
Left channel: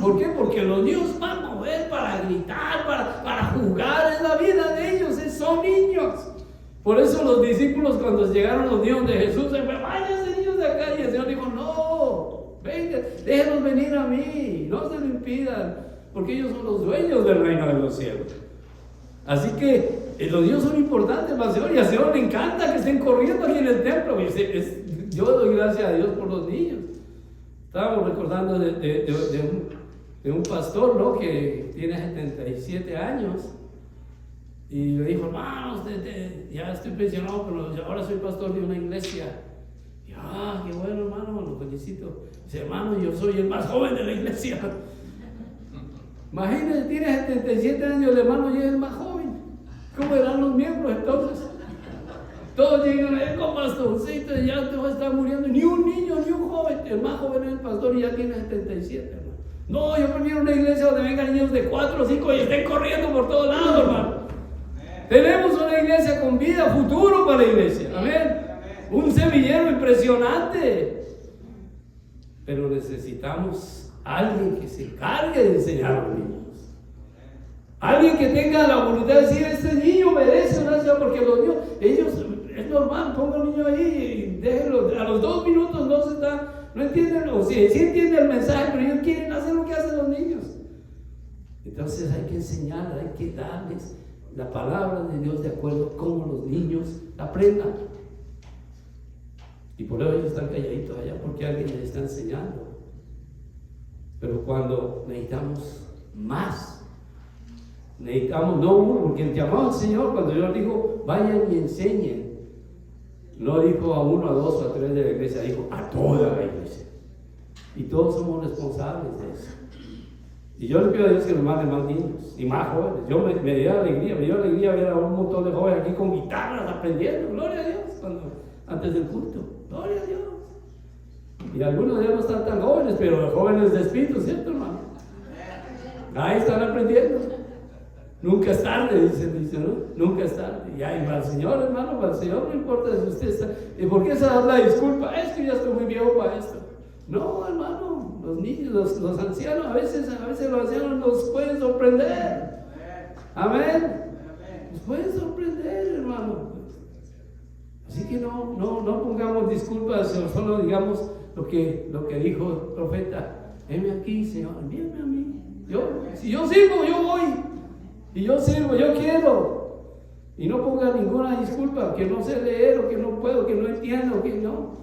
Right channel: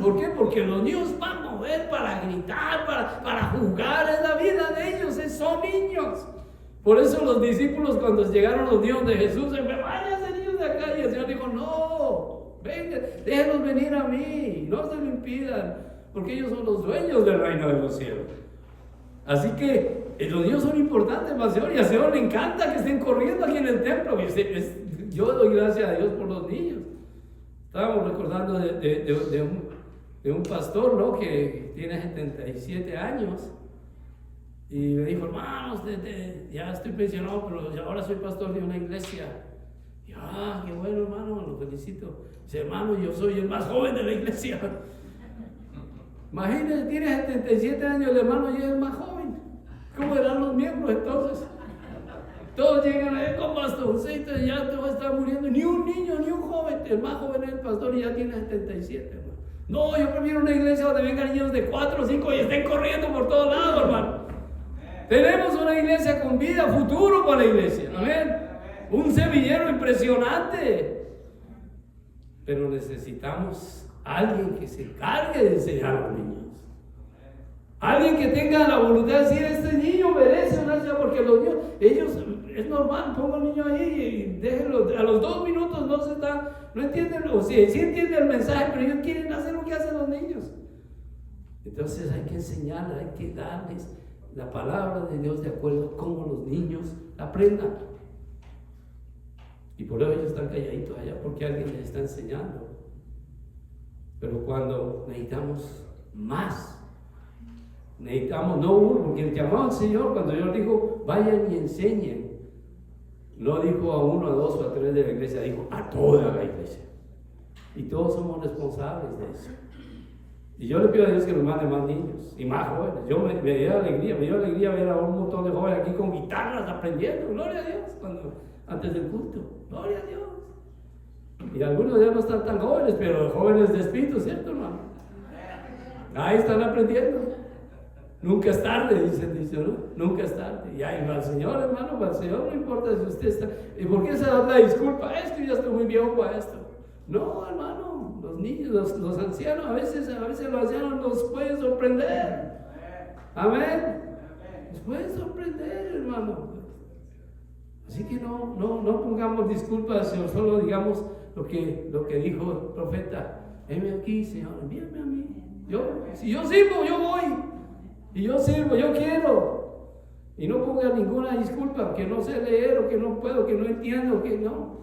¿Por qué? Porque los niños van a mover para gritar, para jugar, es la vida de ellos, son niños. Por eso los discípulos, cuando llegaron los niños de Jesús, se fue, váyanse niños de acá, y el Señor dijo, no, vengan, déjenlos venir a mí, no se lo impidan, porque ellos son los dueños del reino de los cielos. Así que los niños son importantes para el Señor, y al Señor le encanta que estén corriendo aquí en el templo. Yo doy gracias a Dios por los niños. Estábamos recordando de un pastor, ¿no?, que tiene 77 años, y me dijo, hermanos, ya estoy pensionado, pero ahora soy pastor de una iglesia. Y qué bueno, hermano, lo felicito. Dice, hermano, yo soy el más joven de la iglesia. Imagínense, tiene 77 años el hermano y es el más joven. ¿Cómo eran los miembros entonces? Todos llegan con bastoncito y ya todo está muriendo. Ni un niño, ni un joven. El más joven es el pastor y ya tiene 77, hermano. No, yo prefiero una iglesia donde vengan niños de 4 o 5 y estén corriendo por todos lados, hermano. Tenemos una iglesia con vida, futuro para la iglesia. Amén. Un semillero impresionante. Pero necesitamos alguien que se encargue de enseñar a los niños. Alguien que tenga la voluntad de decir, este niño merece una enseñanza, porque los niños, ellos, es normal, pongo al niño ahí y déjenlo, a los 2 minutos no entienden, o sí entienden el mensaje, pero ellos quieren hacer lo que hacen los niños. Entonces hay que enseñarles, hay que darles la palabra de Dios de acuerdo a cómo los niños aprendan. Y por eso ellos están calladitos allá, porque alguien les está enseñando. Pero cuando necesitamos más, necesitamos no uno, porque el llamado al Señor, cuando Dios dijo, vayan y enseñen, no dijo a 1, a 2 o a 3 de la iglesia, dijo a toda la iglesia. Y todos somos responsables de eso. Y yo le pido a Dios que nos mande más niños y más jóvenes. Me dio alegría ver a un montón de jóvenes aquí con guitarras aprendiendo, gloria a Dios, antes del culto, gloria a Dios. Y algunos de ellos no están tan jóvenes, pero jóvenes de espíritu, ¿cierto, hermano? Ahí están aprendiendo. Nunca es tarde, dice, ¿no? Nunca es tarde. Y ahí va el Señor, hermano, para el Señor no importa si usted está. ¿Y por qué se da la disculpa? Es que ya estoy muy viejo para esto. No, hermano, los niños, los ancianos, a veces los ancianos nos pueden sorprender. Amén. Nos pueden sorprender, hermano. Así que no pongamos disculpas, solo digamos lo que dijo el profeta. Heme aquí, Señor, envíame a mí. Si yo sirvo, yo voy. Y yo sirvo, yo quiero. Y no ponga ninguna disculpa, que no sé leer, o que no puedo, que no entiendo, o que no.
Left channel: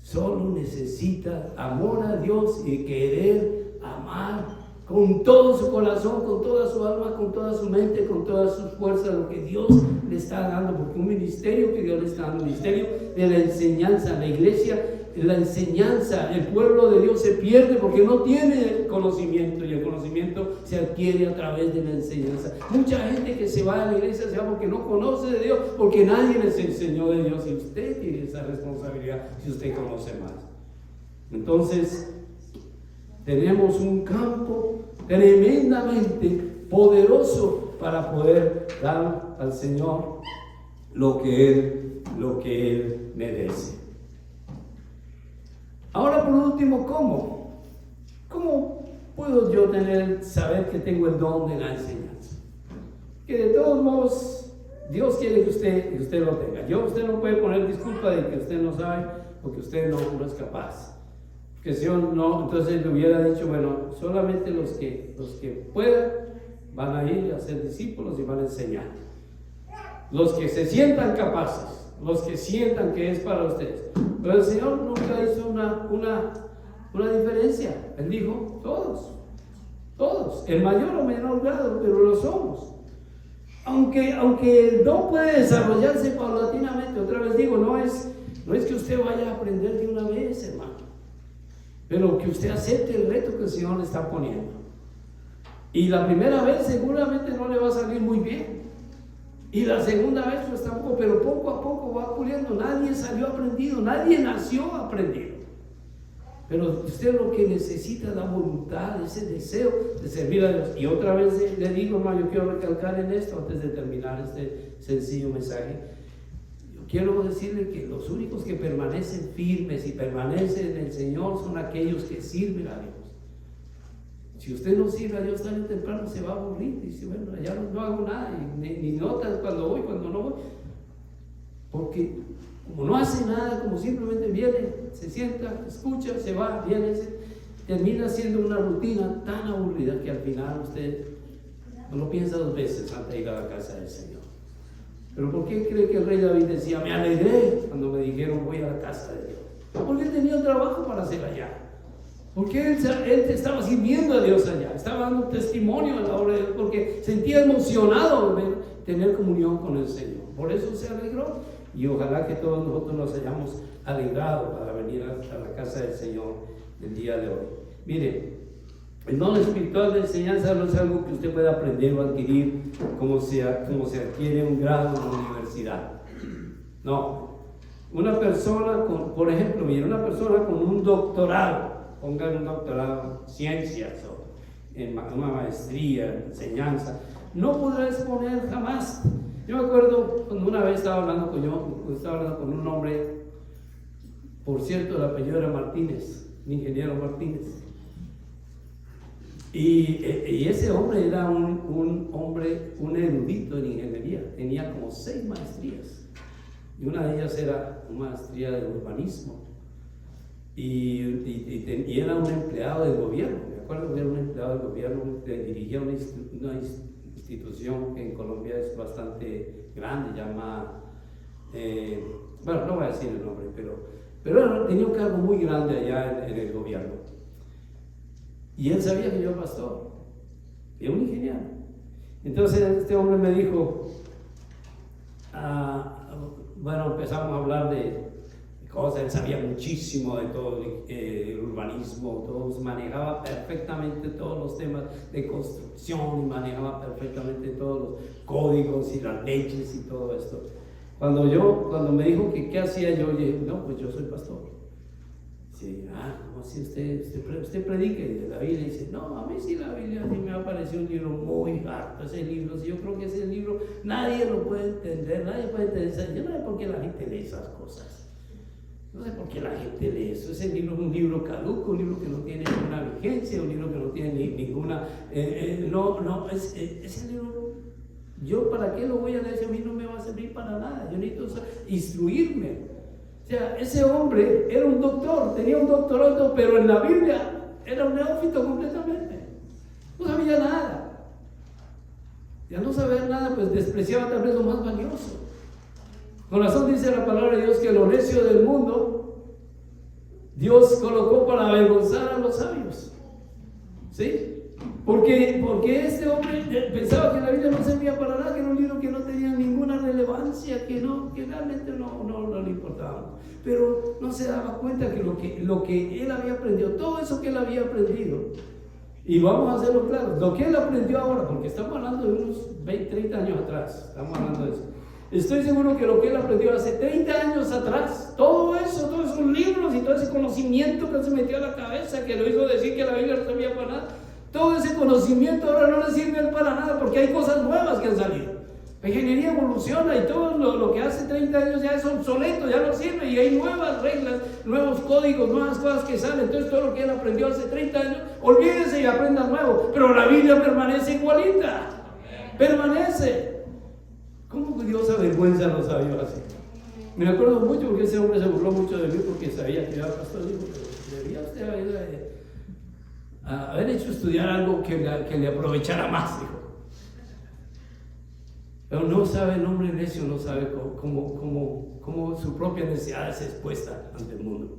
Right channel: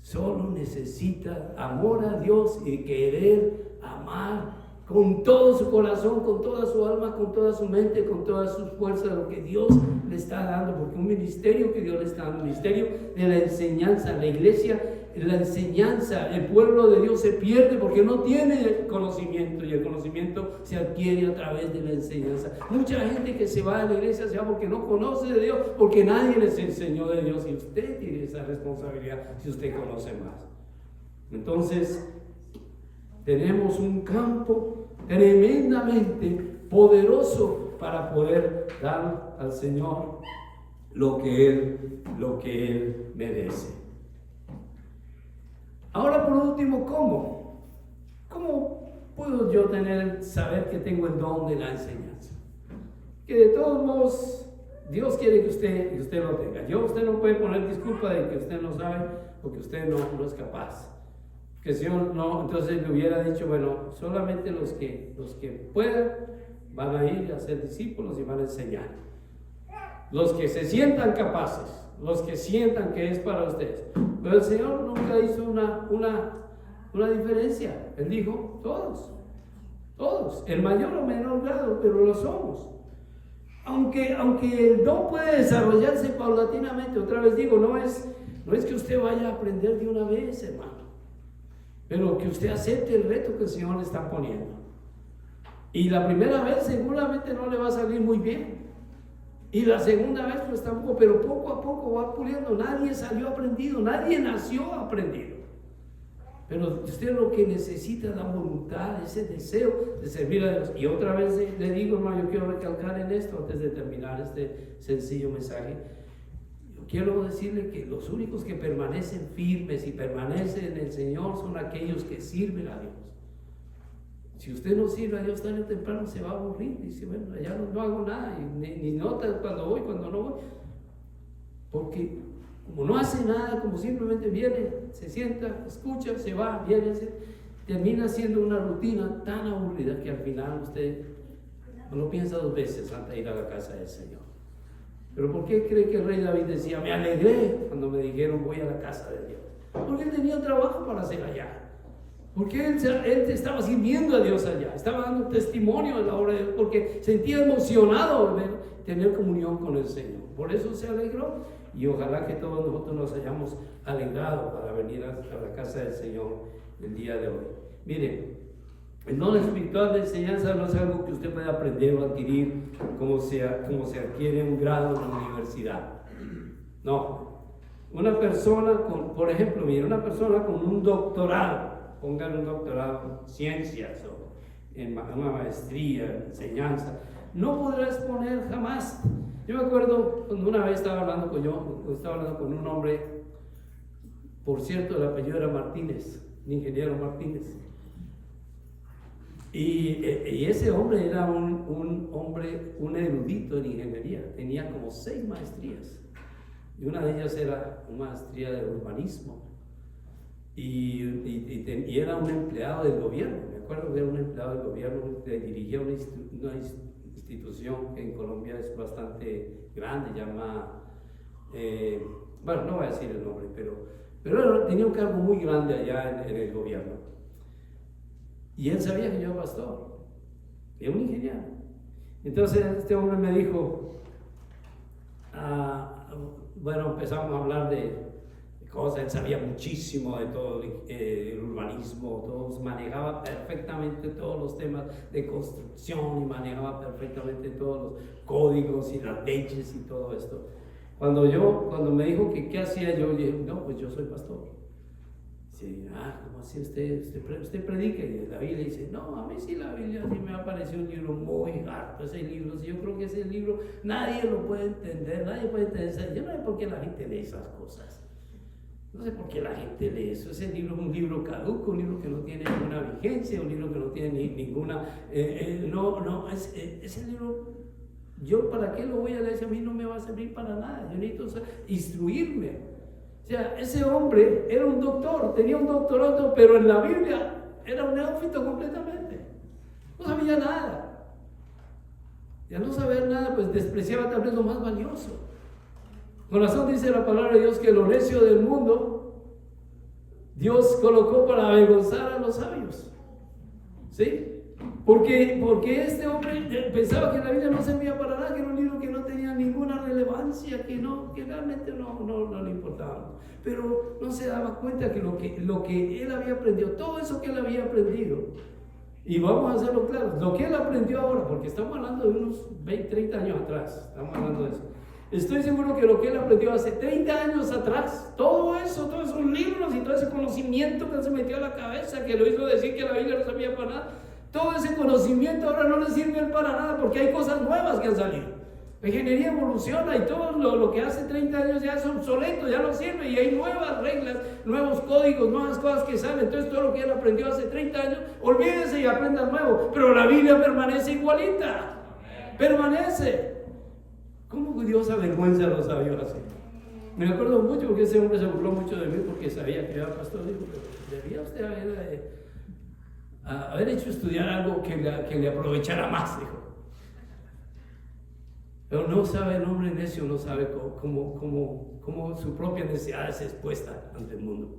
Solo necesita amor a Dios y querer amar con todo su corazón, con toda su alma, con toda su mente, con todas sus fuerzas, lo que Dios le está dando, porque un ministerio que Dios le está dando, un ministerio de la enseñanza, la iglesia, la enseñanza, el pueblo de Dios se pierde porque no tiene conocimiento, y el conocimiento se adquiere a través de la enseñanza. Mucha gente que se va a la iglesia se va porque no conoce de Dios, porque nadie les enseñó de Dios, y usted tiene esa responsabilidad si usted conoce más. Entonces, tenemos un campo tremendamente poderoso para poder dar al Señor lo que Él merece. Ahora, por último, ¿cómo? ¿Cómo puedo yo saber que tengo el don de la enseñanza? Que de todos modos, Dios quiere que usted lo tenga. Usted no puede poner disculpa de que usted no sabe o que usted no es capaz. Que si yo no, entonces le hubiera dicho, bueno, solamente los que puedan van a ir a ser discípulos y van a enseñar. Los que se sientan capaces, los que sientan que es para ustedes. Pero el Señor nunca hizo una diferencia. Él dijo, todos, el mayor o menor grado, pero lo somos. Aunque el don puede desarrollarse paulatinamente, otra vez digo, no es que usted vaya a aprender de una vez, hermano, pero que usted acepte el reto que el Señor le está poniendo. Y la primera vez seguramente no le va a salir muy bien, y la segunda vez pues tampoco, pero poco a poco va puliendo. Nadie salió aprendido, nadie nació aprendido, pero usted lo que necesita es la voluntad, ese deseo de servir a Dios. Y otra vez le digo, hermano, yo quiero recalcar en esto antes de terminar este sencillo mensaje. Yo quiero decirle que los únicos que permanecen firmes y permanecen en el Señor son aquellos que sirven a Dios. Si usted no sirve a Dios tarde o temprano se va a aburrir y dice, bueno, ya no hago nada, y ni notas cuando voy, cuando no voy, porque como no hace nada, como simplemente viene, se sienta, escucha, se va, viene, termina siendo una rutina tan aburrida que al final usted no lo piensa dos veces antes de ir a la casa del Señor. Pero ¿por qué cree que el rey David decía, me alegré cuando me dijeron voy a la casa de Dios? Porque él tenía un trabajo para hacer allá. Porque él estaba sirviendo a Dios allá, estaba dando testimonio de la obra de Dios, porque sentía emocionado de tener comunión con el Señor. Por eso se alegró, y ojalá que todos nosotros nos hayamos alegrado para venir a la casa del Señor el día de hoy. Mire, el don espiritual de enseñanza no es algo que usted pueda aprender o adquirir como se adquiere un grado en la universidad. No. Una persona por ejemplo, mire, una persona con un doctorado, pongan un doctorado en ciencias o en una maestría en enseñanza, no podrá exponer jamás. Yo me acuerdo cuando una vez estaba hablando con un hombre, por cierto, el apellido era Martínez, un ingeniero Martínez, y ese hombre era un erudito en ingeniería, tenía como 6 maestrías, y una de ellas era una maestría de urbanismo. Y era un empleado del gobierno. Me acuerdo que era un empleado del gobierno que dirigía una institución que en Colombia es bastante grande, llama, bueno, no voy a decir el nombre, pero tenía un cargo muy grande allá en el gobierno. Y él sabía que yo era pastor, era un ingeniero. Entonces este hombre me dijo, bueno, empezamos a hablar de cosas. Él sabía muchísimo de todo el urbanismo, manejaba perfectamente todos los temas de construcción y manejaba perfectamente todos los códigos y las leyes y todo esto. Cuando me dijo que qué hacía yo, le dije, no, pues yo soy pastor. Dice, ¿cómo así usted predica? Y la Biblia dice, no, a mí sí la Biblia sí me apareció un libro muy harto, ese libro, yo creo que ese libro nadie lo puede entender, yo no sé por qué la gente lee esas cosas. No sé por qué la gente lee eso. Ese libro es un libro caduco, un libro que no tiene ninguna vigencia, un libro que no tiene ninguna... ese libro, ¿yo para qué lo voy a leer si a mí no me va a servir para nada? Yo necesito instruirme. O sea, ese hombre era un doctor, tenía un doctorado, pero en la Biblia era un neófito completamente. No sabía nada. Y al no saber nada, pues despreciaba tal vez lo más valioso. Con razón dice la palabra de Dios que lo necio del mundo Dios colocó para avergonzar a los sabios. ¿Sí? Porque este hombre pensaba que la Biblia no servía para nada, que era un libro que no tenía ninguna relevancia, que realmente no le importaba. Pero no se daba cuenta que lo que él había aprendido, todo eso que él había aprendido, y vamos a hacerlo claro, lo que él aprendió ahora, porque estamos hablando de unos 20, 30 años atrás, estamos hablando de eso. Estoy seguro que lo que él aprendió hace 30 años atrás, todo eso, todos esos libros y todo ese conocimiento que él se metió a la cabeza, que lo hizo decir que la Biblia no servía para nada, todo ese conocimiento ahora no le sirve para nada, porque hay cosas nuevas que han salido. La ingeniería evoluciona y todo lo que hace 30 años ya es obsoleto, ya no sirve, y hay nuevas reglas, nuevos códigos, nuevas cosas que salen. Entonces todo lo que él aprendió hace 30 años, olvídese y aprenda nuevo. Pero la Biblia permanece igualita, permanece. ¿Cómo Dios avergüenza a los sabios así? Me acuerdo mucho porque ese hombre se burló mucho de mí porque sabía que era pastor. Dijo, pero debía usted haber hecho estudiar algo que le aprovechara más, dijo. Pero no sabe, el hombre necio no sabe cómo su propia necesidad es expuesta ante el mundo.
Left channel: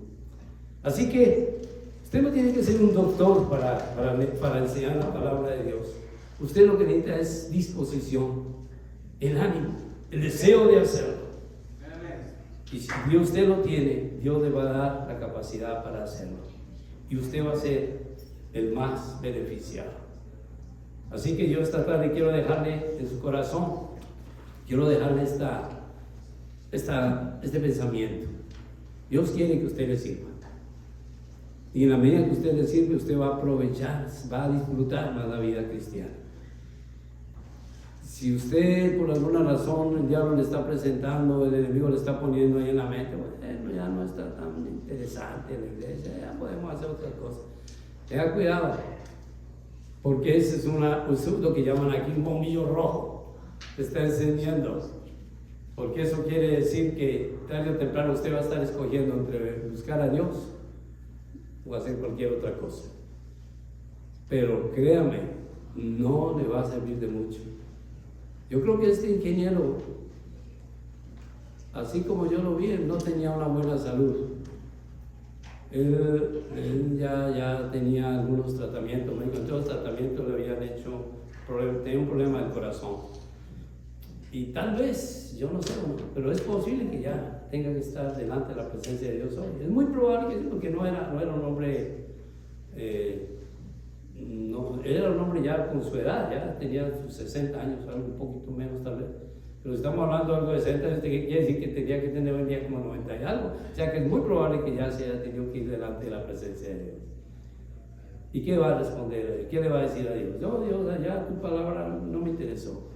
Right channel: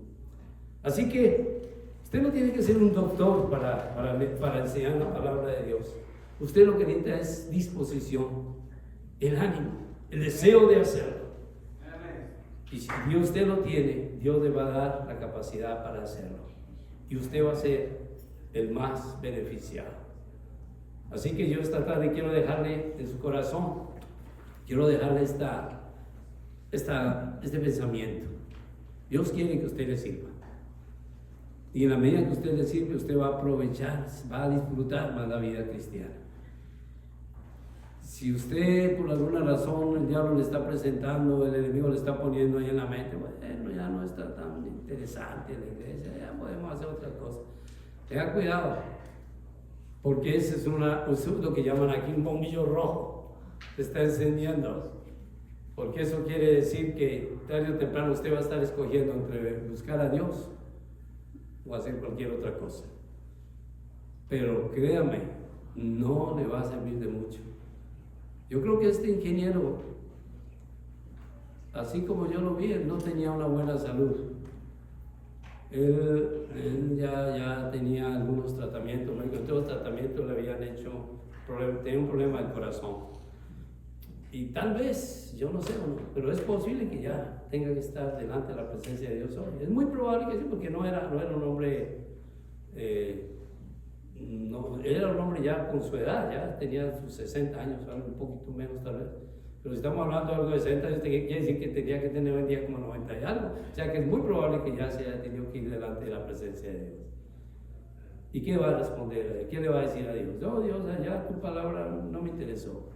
Así que usted no tiene que ser un doctor para enseñar la palabra de Dios. Usted lo que necesita es disposición, el ánimo, el deseo de hacerlo. Y si usted lo tiene, Dios le va a dar la capacidad para hacerlo. Y usted va a ser el más beneficiado. Así que yo esta tarde quiero dejarle en su corazón, quiero dejarle este pensamiento. Dios quiere que usted le sirva. Y en la medida que usted le sirve, usted va a aprovechar, va a disfrutar más la vida cristiana. Si usted por alguna razón el diablo le está presentando, el enemigo le está poniendo ahí en la mente, bueno, ya no está tan interesante la iglesia, ya podemos hacer otras cosas. Tenga cuidado, porque ese es lo que llaman aquí un bombillo rojo. Te está enseñando, porque eso quiere decir que tarde o temprano usted va a estar escogiendo entre buscar a Dios o hacer cualquier otra cosa. Pero créame, no le va a servir de mucho. Yo creo que este ingeniero, así como yo lo vi, él no tenía una buena salud. Él ya tenía algunos tratamientos, me encontré los tratamientos, le habían hecho, tenía un problema del corazón. Y tal vez, yo no sé, pero es posible que ya tenga que estar delante de la presencia de Dios hoy. Es muy probable que sí, porque no era un hombre, era un hombre ya con su edad, ya tenía sus 60 años, algo un poquito menos tal vez. Pero si estamos hablando de algo de 60 años, ¿qué quiere decir? Que tenía que tener hoy en día como 90 y algo. O sea que es muy probable que ya se haya tenido que ir delante de la presencia de Dios. ¿Y qué va a responder? ¿Qué le va a decir a Dios? No, Dios, ya tu palabra no me interesó.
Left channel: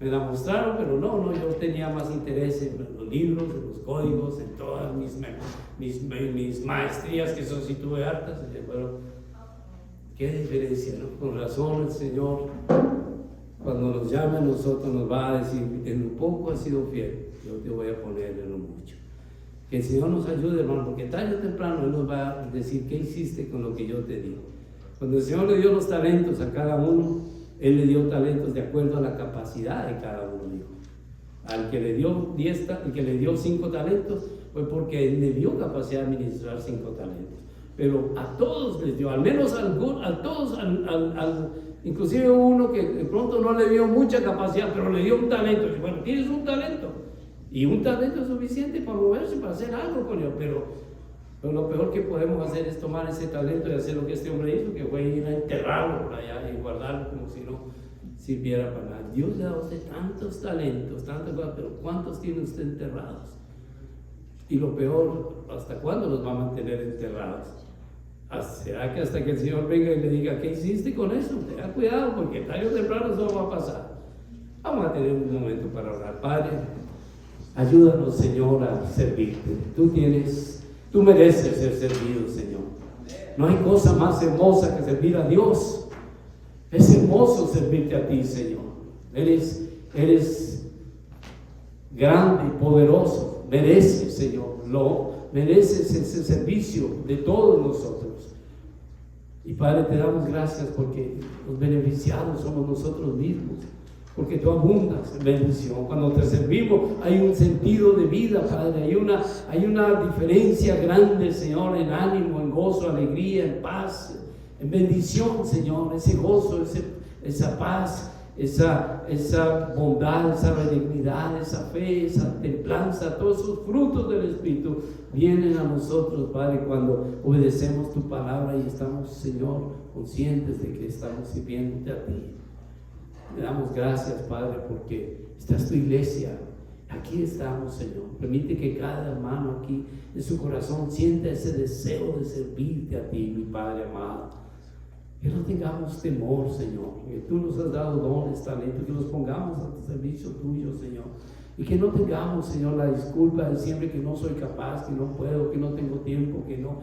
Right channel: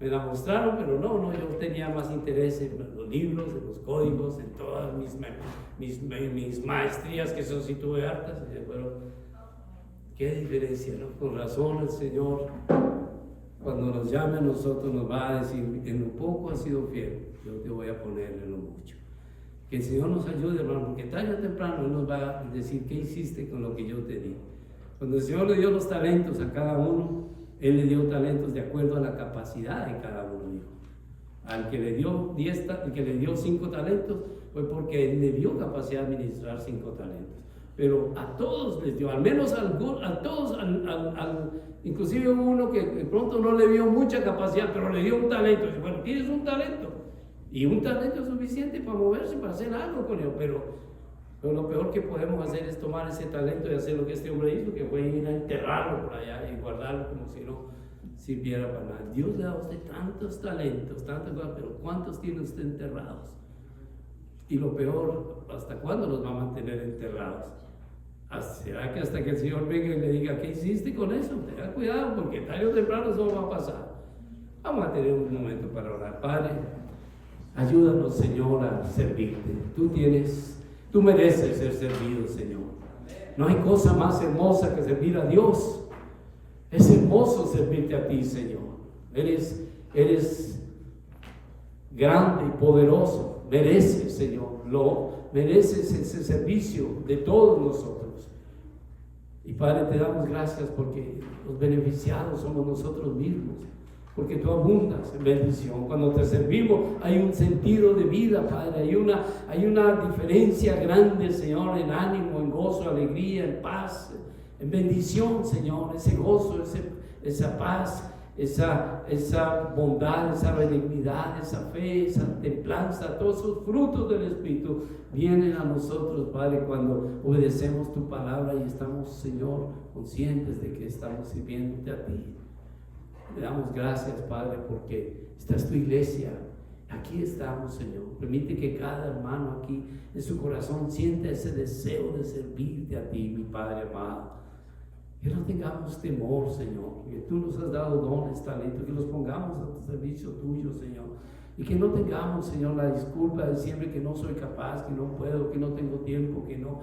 Me la mostraron, pero no, yo tenía más interés en los libros, en los códigos, en todas mis maestrías, que eso sí tuve hartas. Pero, qué diferencia, ¿no? Con razón el Señor, cuando nos llame a nosotros, nos va a decir, en lo poco has sido fiel, yo te voy a poner en lo mucho. Que el Señor nos ayude, hermano, porque tarde o temprano Él nos va a decir, ¿qué hiciste con lo que yo te di? Cuando el Señor le dio los talentos a cada uno, Él le dio talentos de acuerdo a la capacidad de cada uno, dijo. Al que le dio 5 talentos fue porque Él le dio capacidad de administrar 5 talentos. Pero a todos les dio, al menos a todos, inclusive uno que de pronto no le dio mucha capacidad, pero le dio un talento. Dice, bueno, tienes un talento, y un talento es suficiente para moverse, para hacer algo con él, pero lo peor que podemos hacer es tomar ese talento y hacer lo que este hombre hizo, que fue ir a enterrarlo por allá y guardarlo como si no sirviera para nada. Dios le da a usted tantos talentos, tantas cosas, pero ¿cuántos tiene usted enterrados? Y lo peor, ¿hasta cuándo los va a mantener enterrados? ¿Será que hasta que el Señor venga y le diga, ¿qué hiciste con eso? Tenga cuidado, porque tarde o temprano eso va a pasar. Vamos a tener un momento para orar. Padre, ayúdanos, Señor, a servirte. Tú mereces ser servido, Señor. No hay cosa más hermosa que servir a Dios. Es hermoso servirte a ti, Señor. Eres grande y poderoso. Mereces, Señor, mereces ese servicio de todos nosotros. Y Padre, te damos gracias porque los beneficiados somos nosotros mismos, porque tú abundas en bendición. Cuando te servimos hay un sentido de vida, Padre, hay una diferencia grande, Señor, en ánimo, en gozo, alegría, en paz, en bendición, Señor, ese gozo, esa paz, esa bondad, esa benignidad, esa fe, esa templanza, todos esos frutos del Espíritu vienen a nosotros, Padre, cuando obedecemos tu palabra y estamos, Señor, conscientes de que estamos sirviéndote a ti. Te damos gracias, Padre, porque esta es tu iglesia. Aquí estamos, Señor. Permite que cada hermano aquí en su corazón sienta ese deseo de servirte a ti, mi Padre amado. Que no tengamos temor, Señor, que tú nos has dado dones, talentos, que los pongamos a tu servicio tuyo, Señor. Y que no tengamos, Señor, la disculpa de siempre que no soy capaz, que no puedo, que no tengo tiempo, que no.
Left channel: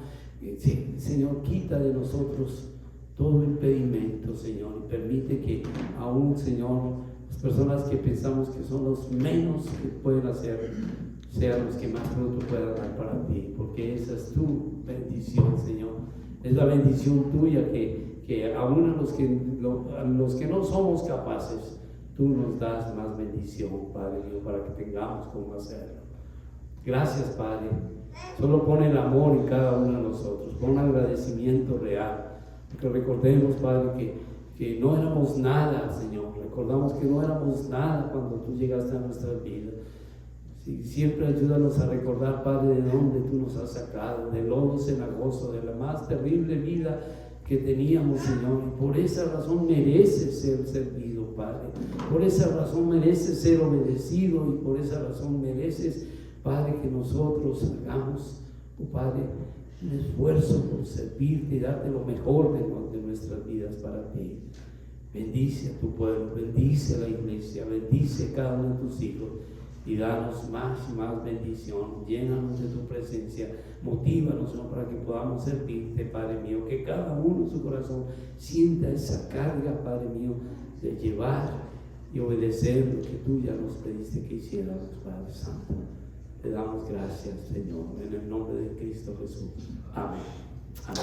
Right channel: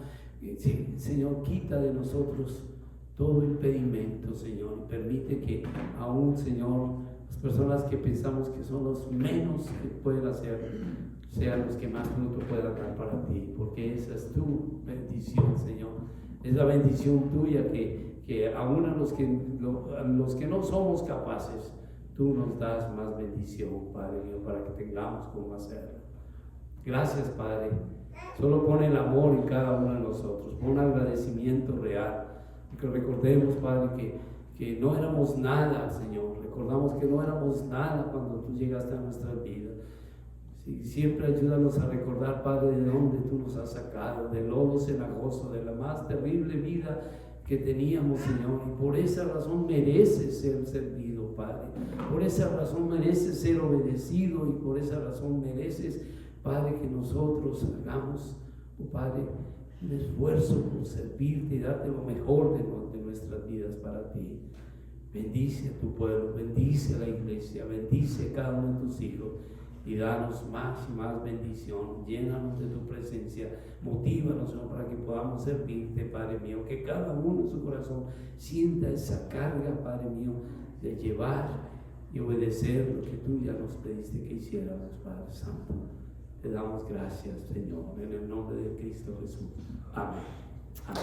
Sí, Señor, quita de nosotros todo impedimento, Señor, y permite que aún, Señor, las personas que pensamos que son los menos que pueden hacer, sean los que más fruto puedan dar para ti, porque esa es tu bendición, Señor. Es la bendición tuya que aún a los que no somos capaces, tú nos das más bendición, Padre mío, para que tengamos cómo hacerlo. Gracias, Padre. Solo pon el amor en cada uno de nosotros, pon agradecimiento real. Que recordemos, Padre, que no éramos nada, Señor. Recordamos que no éramos nada cuando tú llegaste a nuestras vidas. Sí, siempre ayúdanos a recordar, Padre, de dónde tú nos has sacado, del lodo cenagoso, de la más terrible vida que teníamos, Señor. Y por esa razón mereces ser servido, Padre. Por esa razón mereces ser obedecido, y por esa razón mereces, Padre, que nosotros hagamos, oh Padre, un esfuerzo por servirte y darte lo mejor de nuestras vidas para ti. Bendice a tu pueblo, bendice a la iglesia, bendice a cada uno de tus hijos y danos más y más bendición. Llénanos de tu presencia, motívanos, Señor, para que podamos servirte, Padre mío, que cada uno en su corazón sienta esa carga, Padre mío, de llevar y obedecer lo que tú ya nos pediste que hiciéramos, Padre Santo. Te damos gracias, Señor, en el nombre de Cristo Jesús. Amén.